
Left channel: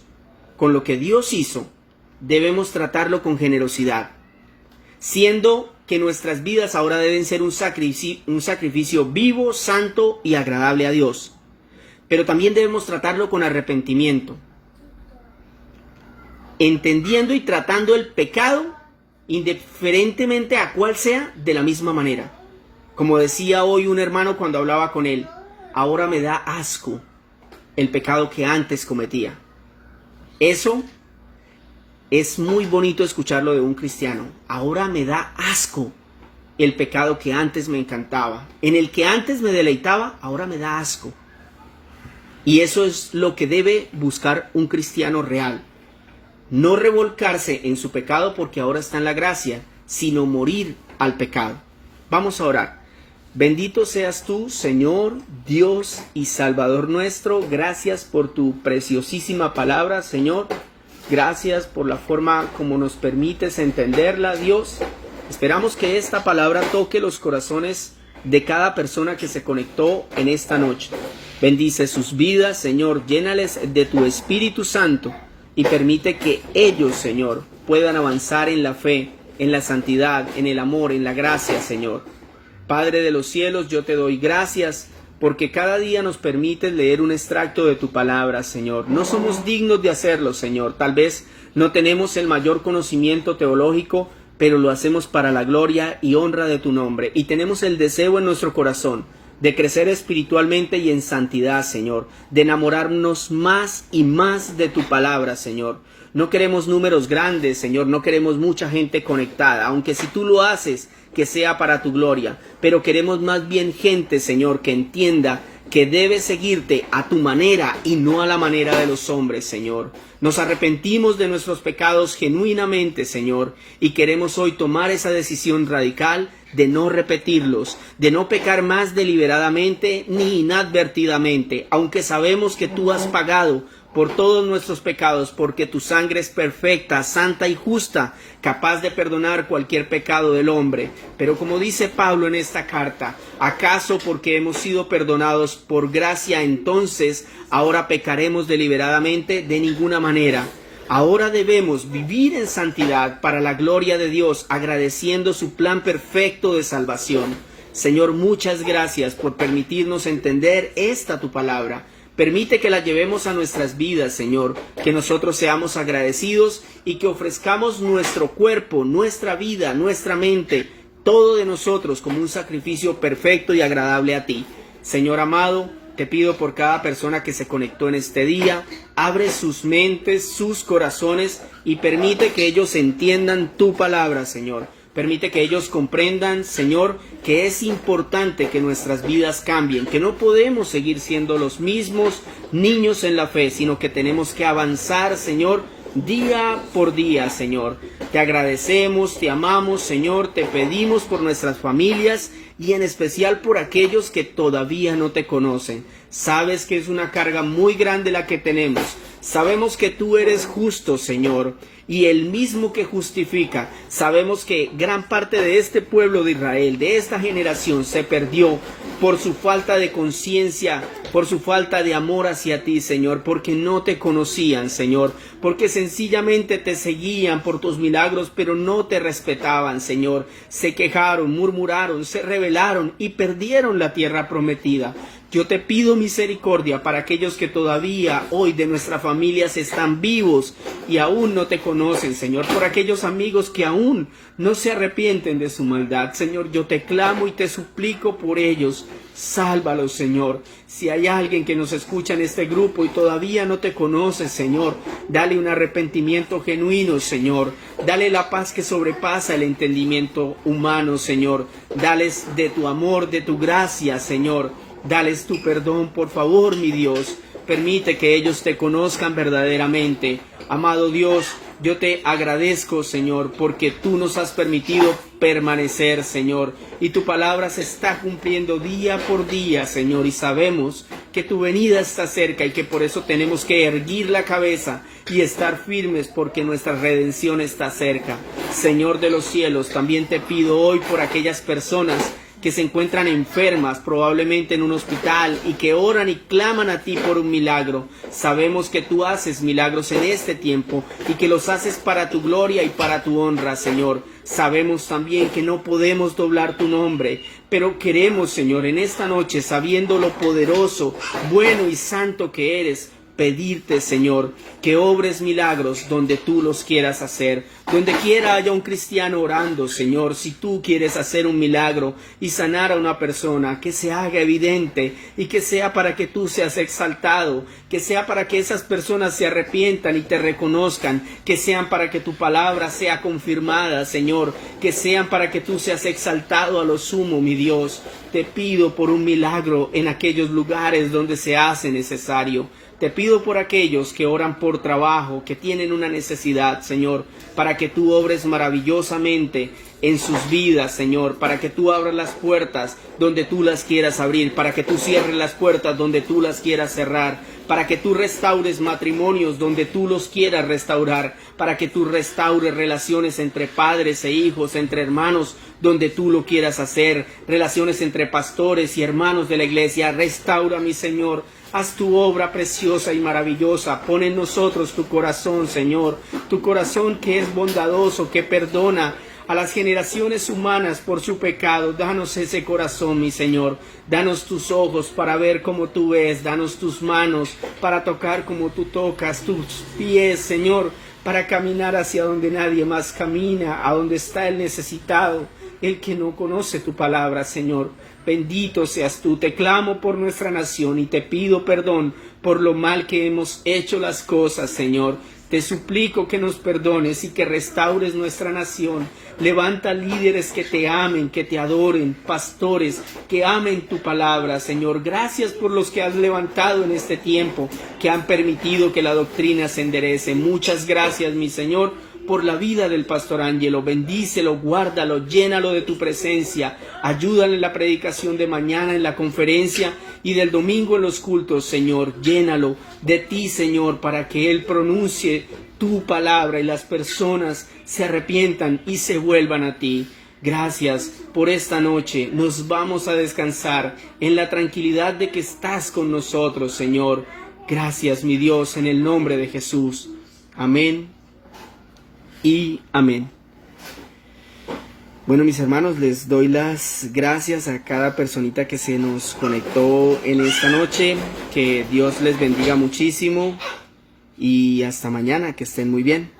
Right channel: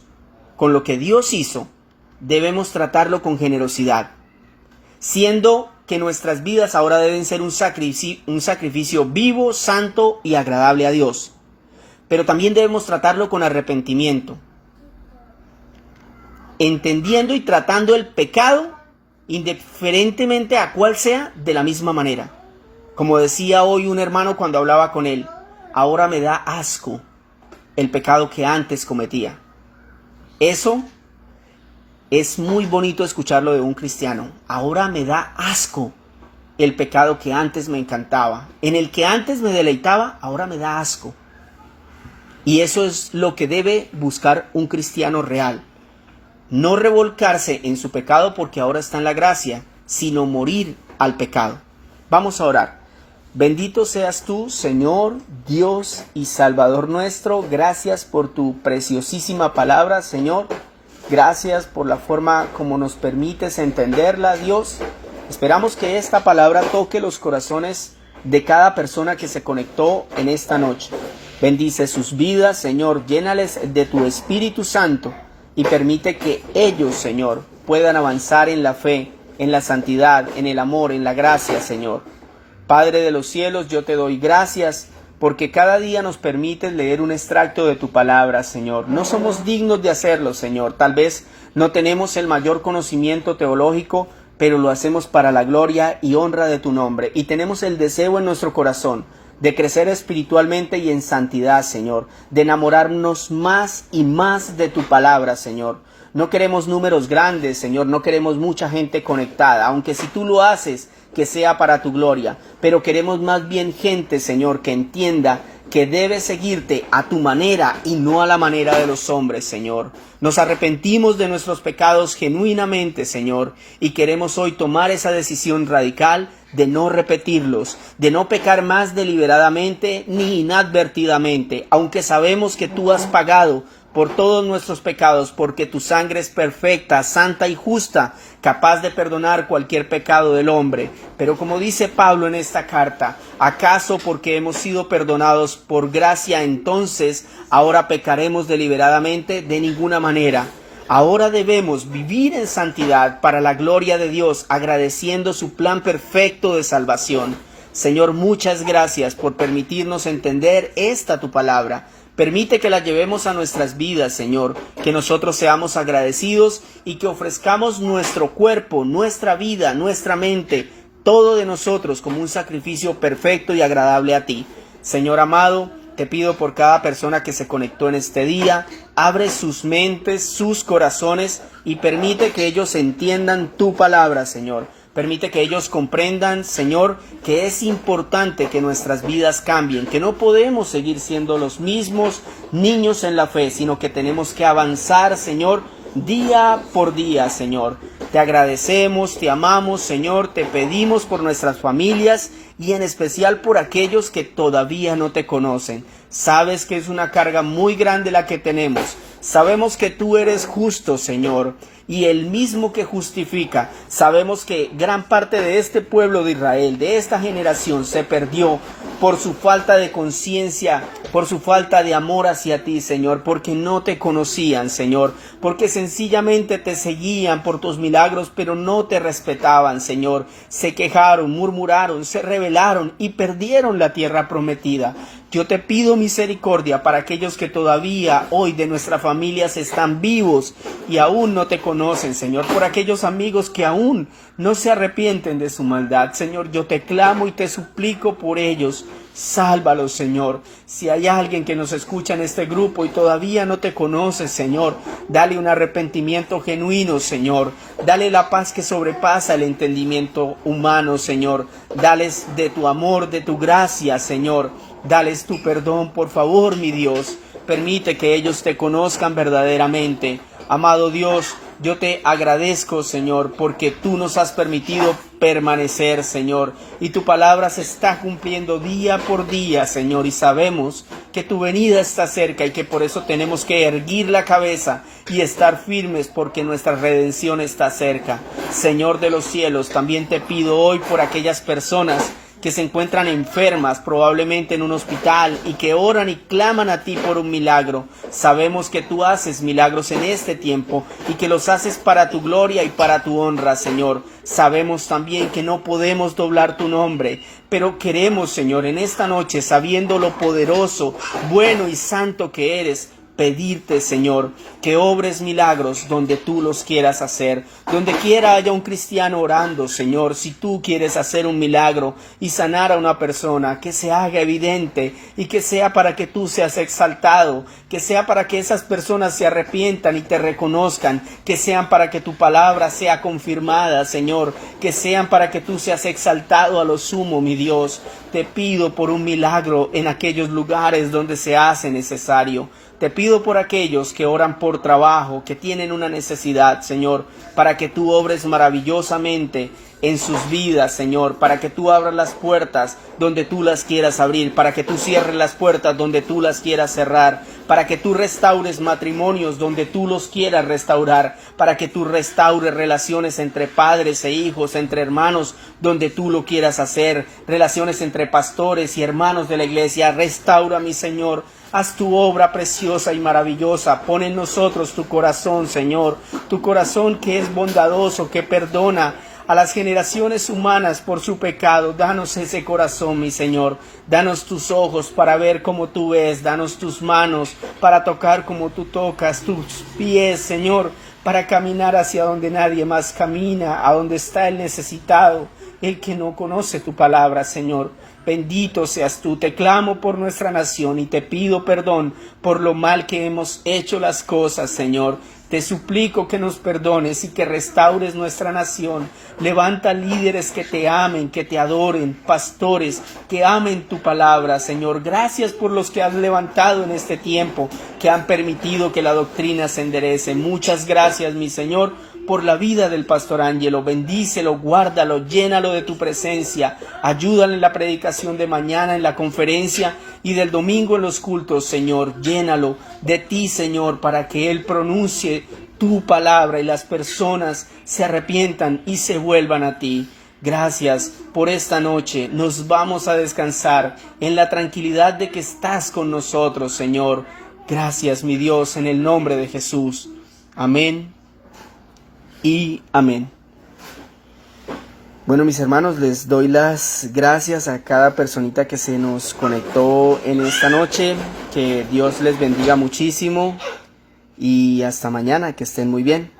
con lo que Dios hizo, debemos tratarlo con generosidad, siendo que nuestras vidas ahora deben ser un sacrificio vivo, santo y agradable a Dios. Pero también debemos tratarlo con arrepentimiento, entendiendo y tratando el pecado, indiferentemente a cuál sea, de la misma manera. Como decía hoy un hermano cuando hablaba con él, ahora me da asco el pecado que antes cometía. Eso es muy bonito escucharlo de un cristiano. Ahora me da asco el pecado que antes me encantaba. En el que antes me deleitaba, ahora me da asco. Y eso es lo que debe buscar un cristiano real. No revolcarse en su pecado porque ahora está en la gracia, sino morir al pecado. Vamos a orar. Bendito seas tú, Señor, Dios y Salvador nuestro. Gracias por tu preciosísima palabra, Señor. Gracias por la forma como nos permites entenderla, Dios. Esperamos que esta palabra toque los corazones de cada persona que se conectó en esta noche. Bendice sus vidas, Señor. Llénales de tu Espíritu Santo y permite que ellos, Señor, puedan avanzar en la fe, en la santidad, en el amor, en la gracia, Señor. Padre de los cielos, yo te doy gracias porque cada día nos permites leer un extracto de tu palabra, Señor. No somos dignos de hacerlo, Señor. Tal vez no tenemos el mayor conocimiento teológico, pero lo hacemos para la gloria y honra de tu nombre. Y tenemos el deseo en nuestro corazón de crecer espiritualmente y en santidad, Señor. De enamorarnos más y más de tu palabra, Señor. No queremos números grandes, Señor. No queremos mucha gente conectada, aunque si tú lo haces, que sea para tu gloria, pero queremos más bien gente, Señor, que entienda que debe seguirte a tu manera y no a la manera de los hombres, Señor. Nos arrepentimos de nuestros pecados genuinamente, Señor, y queremos hoy tomar esa decisión radical de no repetirlos, de no pecar más deliberadamente ni inadvertidamente, aunque sabemos que tú has pagado por todos nuestros pecados, porque tu sangre es perfecta, santa y justa, capaz de perdonar cualquier pecado del hombre. Pero como dice Pablo en esta carta, ¿acaso porque hemos sido perdonados por gracia entonces ahora pecaremos deliberadamente? De ninguna manera. Ahora debemos vivir en santidad para la gloria de Dios, agradeciendo su plan perfecto de salvación. Señor, muchas gracias por permitirnos entender esta tu palabra. Permite que la llevemos a nuestras vidas, Señor, que nosotros seamos agradecidos y que ofrezcamos nuestro cuerpo, nuestra vida, nuestra mente, todo de nosotros como un sacrificio perfecto y agradable a ti. Señor amado, te pido por cada persona que se conectó en este día, abre sus mentes, sus corazones y permite que ellos entiendan tu palabra, Señor. Permite que ellos comprendan, Señor, que es importante que nuestras vidas cambien, que no podemos seguir siendo los mismos niños en la fe, sino que tenemos que avanzar, Señor, día por día, Señor. Te agradecemos, te amamos, Señor, te pedimos por nuestras familias y en especial por aquellos que todavía no te conocen. Sabes que es una carga muy grande la que tenemos. Sabemos que tú eres justo, Señor, y el mismo que justifica. Sabemos que gran parte de este pueblo de Israel, de esta generación, se perdió por su falta de conciencia, por su falta de amor hacia ti, Señor, porque no te conocían, Señor, porque sencillamente te seguían por tus milagros, pero no te respetaban, Señor. Se quejaron, murmuraron, se rebelaron y perdieron la tierra prometida. Yo te pido misericordia para aquellos que todavía hoy de nuestras familias están vivos y aún no te conocen, Señor, por aquellos amigos que aún no se arrepienten de su maldad. Señor, yo te clamo y te suplico por ellos. Sálvalos, Señor. Si hay alguien que nos escucha en este grupo y todavía no te conoce, Señor, dale un arrepentimiento genuino, Señor. Dale la paz que sobrepasa el entendimiento humano, Señor. Dales de tu amor, de tu gracia, Señor. Dales tu perdón, por favor, mi Dios. Permite que ellos te conozcan verdaderamente. Amado Dios, yo te agradezco, Señor, porque tú nos has permitido permanecer, Señor, y tu palabra se está cumpliendo día por día, Señor, y sabemos que tu venida está cerca y que por eso tenemos que erguir la cabeza y estar firmes porque nuestra redención está cerca. Señor de los cielos, también te pido hoy por aquellas personas que se encuentran enfermas, probablemente en un hospital, y que oran y claman a ti por un milagro. Sabemos que tú haces milagros en este tiempo y que los haces para tu gloria y para tu honra, Señor. Sabemos también que no podemos doblar tu nombre, pero queremos, Señor, en esta noche, sabiendo lo poderoso, bueno y santo que eres, pedirte, Señor, que obres milagros donde tú los quieras hacer. Donde quiera haya un cristiano orando, Señor, si tú quieres hacer un milagro y sanar a una persona, que se haga evidente y que sea para que tú seas exaltado, que sea para que esas personas se arrepientan y te reconozcan, que sean para que tu palabra sea confirmada, Señor, que sean para que tú seas exaltado a lo sumo, mi Dios. Te pido por un milagro en aquellos lugares donde se hace necesario. Te pido por aquellos que oran por trabajo, que tienen una necesidad, Señor, para que tú obres maravillosamente en sus vidas, Señor, para que tú abras las puertas donde tú las quieras abrir, para que tú cierres las puertas donde tú las quieras cerrar, para que tú restaures matrimonios donde tú los quieras restaurar, para que tú restaures relaciones entre padres e hijos, entre hermanos, donde tú lo quieras hacer, relaciones entre pastores y hermanos de la iglesia. Restaura, mi Señor. Haz tu obra preciosa y maravillosa. Pon en nosotros tu corazón, Señor, tu corazón que es bondadoso, que perdona a las generaciones humanas por su pecado. Danos ese corazón, mi Señor. Danos tus ojos para ver como tú ves. Danos tus manos para tocar como tú tocas. Tus pies, Señor, para caminar hacia donde nadie más camina, a donde está el necesitado, el que no conoce tu palabra, Señor. Bendito seas tú. Te clamo por nuestra nación y te pido perdón por lo mal que hemos hecho las cosas, Señor. Te suplico que nos perdones y que restaures nuestra nación. Levanta líderes que te amen, que te adoren, pastores que amen tu palabra, Señor. Gracias por los que has levantado en este tiempo, que han permitido que la doctrina se enderece. Muchas gracias, mi Señor, por la vida del pastor Ángelo. Bendícelo, guárdalo, llénalo de tu presencia. Ayúdale en la predicación de mañana, en la conferencia y del domingo en los cultos, Señor. Llénalo de ti, Señor, para que Él pronuncie tu palabra y las personas se arrepientan y se vuelvan a ti. Gracias por esta noche. Nos vamos a descansar en la tranquilidad de que estás con nosotros, Señor. Gracias, mi Dios, en el nombre de Jesús. Amén y amén. Bueno, mis hermanos, les doy las gracias a cada personita que se nos conectó en esta noche. Que Dios les bendiga muchísimo y hasta mañana, que estén muy bien.